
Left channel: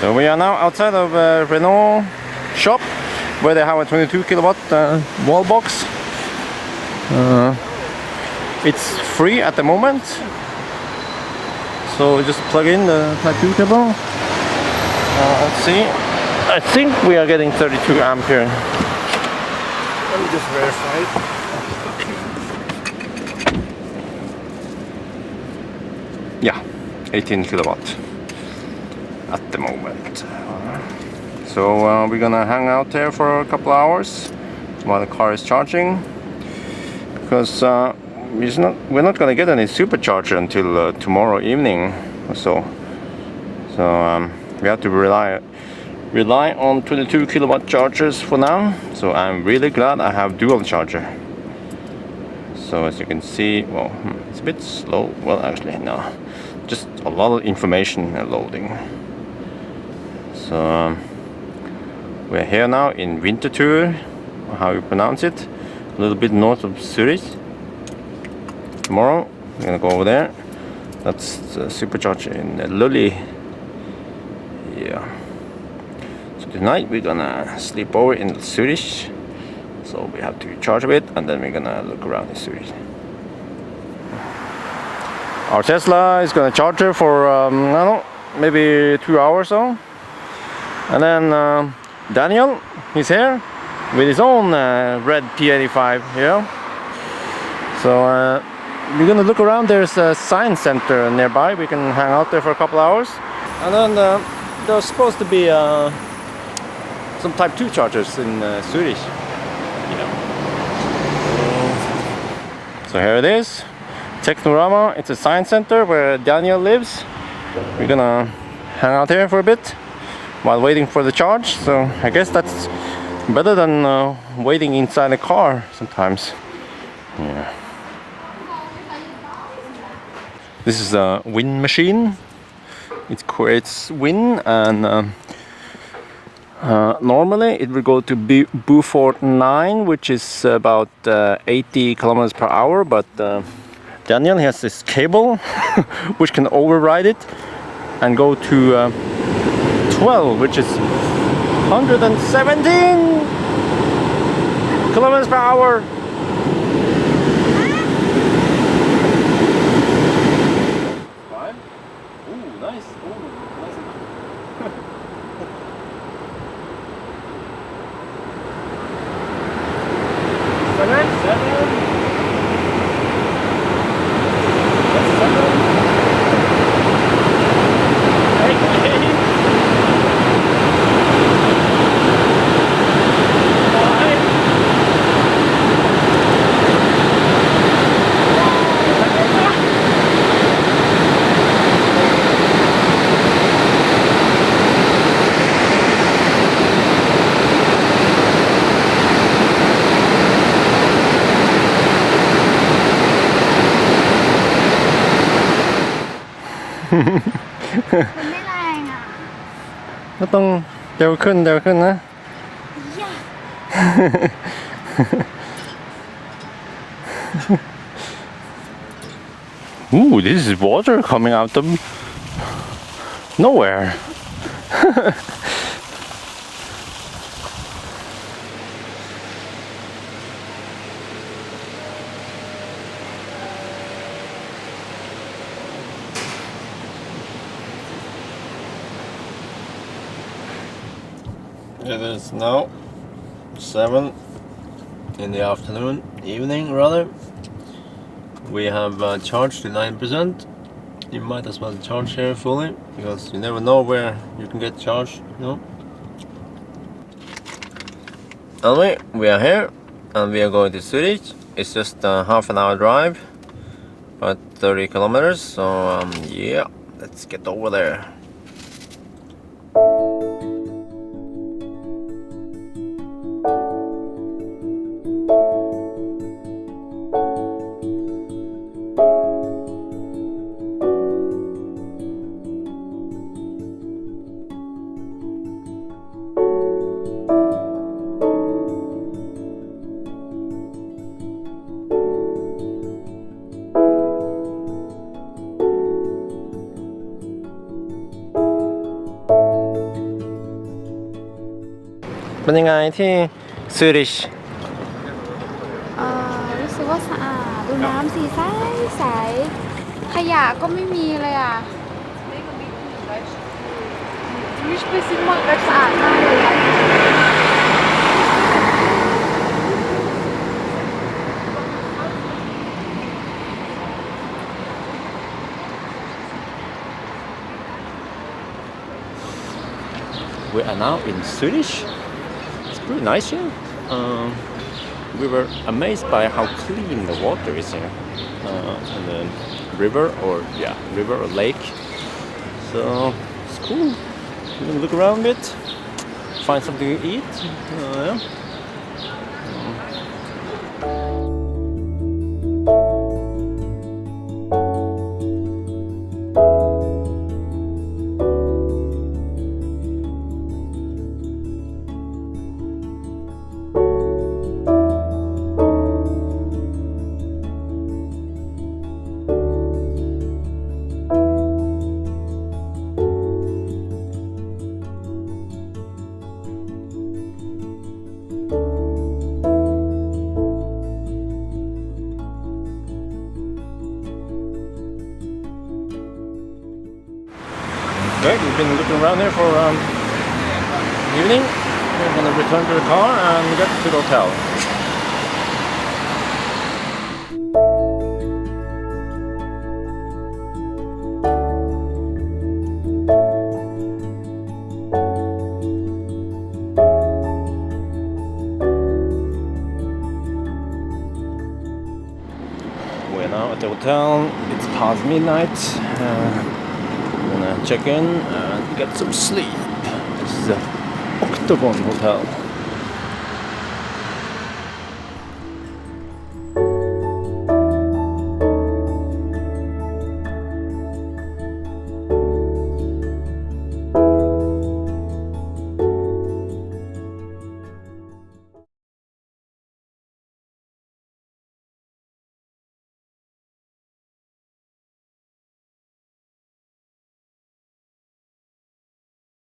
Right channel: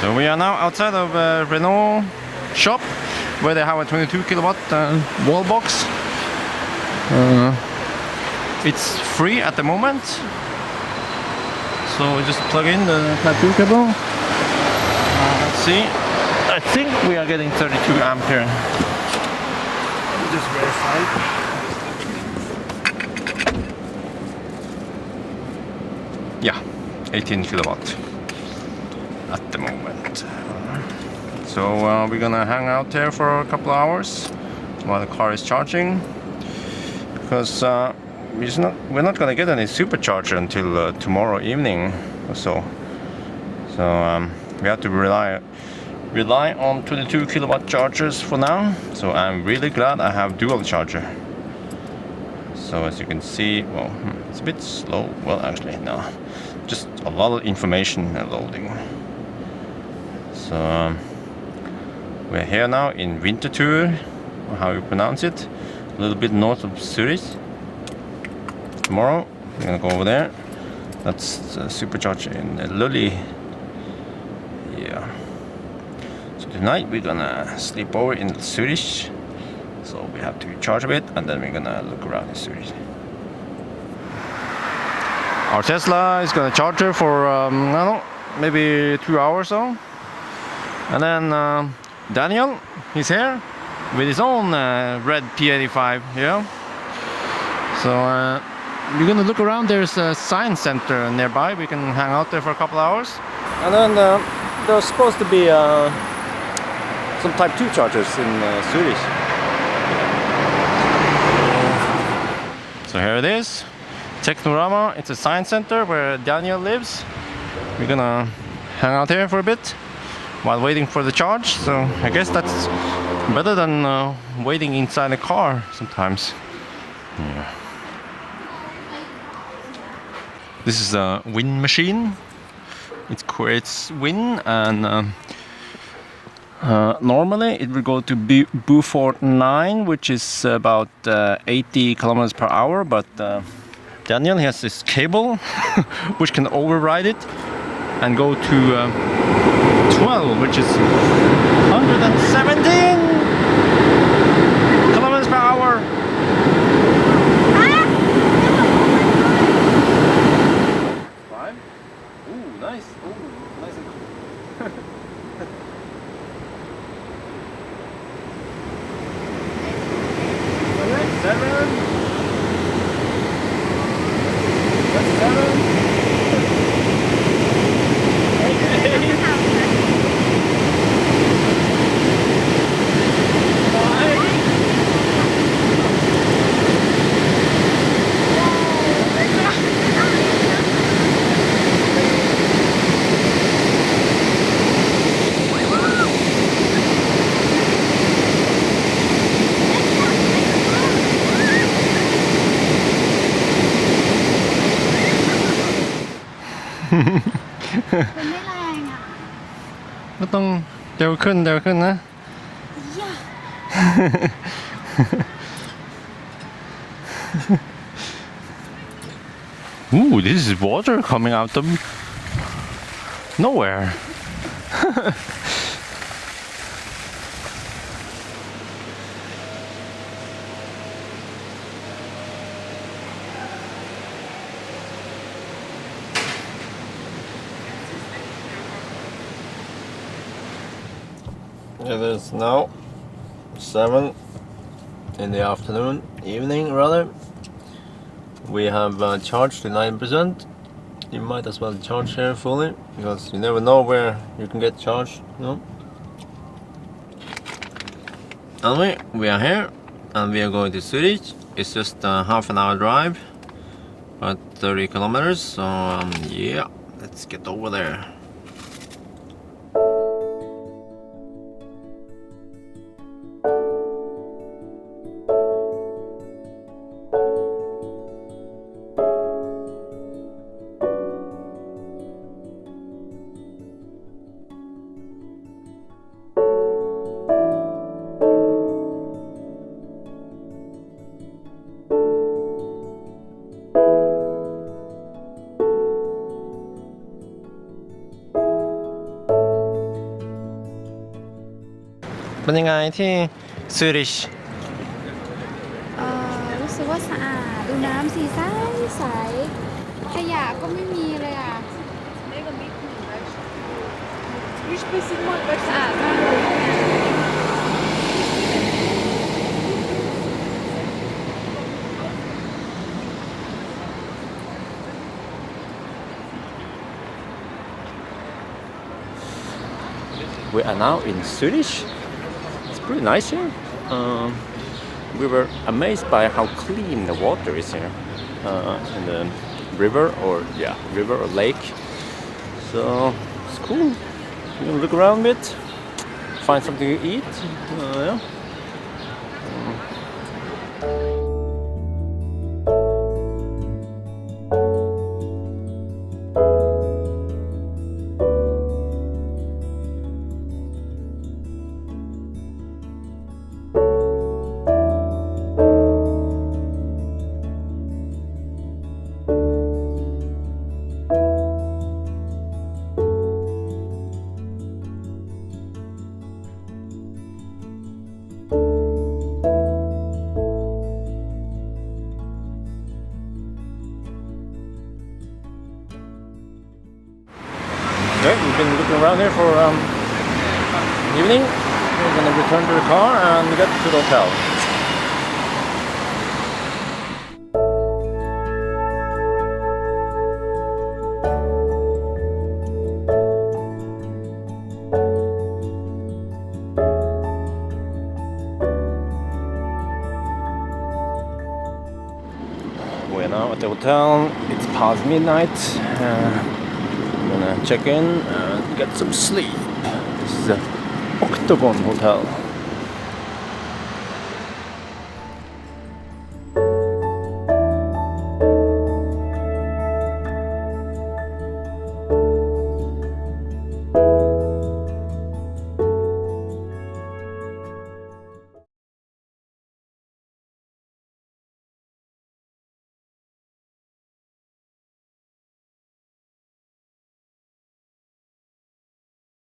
So we are now outside of the Renault shop, where they have a 22 kilowatt wall box. It's free at the moment, so just plug in the Type 2 cable. Let's see. I think we are getting 32 amp here. Let me just verify. Yeah, 18 kilowatt at the moment. So we're gonna hang out there for a couple hours while the car is charging, because we're not gonna get any supercharger until tomorrow evening or so. So we have to rely on 22 kilowatt chargers for now. So I'm really glad I have dual charger. So as you can see, well, it's a bit slow. Well, actually no, just a lot of information loading. So we're here now in Winterthur, how you pronounce it, a little bit north of Zurich. Tomorrow we're gonna go over there. That's the supercharger in Lully. Yeah. So tonight we're gonna sleep over in Zurich. So we have to charge a bit, and then we're gonna look around Zurich. Our Tesla is gonna charge her for I don't know, maybe 2 hours or so. And then Daniel, he's here. with his own red P85, yeah. So we're gonna look around. There's a science center nearby. We can hang out there for a couple hours. And then there's supposed to be some Type 2 chargers in Zurich. Yeah. So here it is, Technorama. It's a science center where Daniel lives. We're gonna hang out here for a bit while waiting for the charge. So I guess that's better than waiting inside a car sometimes. Yeah. This is a wind machine. It creates wind, and normally it will go to Beaufort 9, which is about 80 kilometers per hour. But Daniel has this cable which can override it and go to 12, which is 117 kilometers per hour. Five. Ooh, nice. Ooh, nice. Seven. That's 7.มันไม่แรงอ่ะ ก็ต้องเร็วขึ้นนะ ย่า Ooh, this is water coming out of nowhere. It is now 7 in the evening rather. We have charged to 9%. You might as well charge here fully, because you never know where you can get charged, you know. Anyway, we are here and we are going to Zurich. It's just a half an hour drive, about 30 kilometers. So yeah, let's get over there.เป็นยังไงที่ซูริช รู้สึกว่าสะอาดดูน้ำสีใสใสขยะก็ไม่มีเลยอ่ะสะอาดมากเลยอ่ะ We are now in Zurich. It's pretty nice here. We were amazed by how clean the water is here in the river or lake. So it's cool. We can look around a bit, find something to eat. Yeah. Okay, we've been looking around here for evening. we're gonna return to the car and get to the hotel. We're now at the hotel. It's past midnight. I'm gonna check in and get some sleep. This is the Octagon Hotel.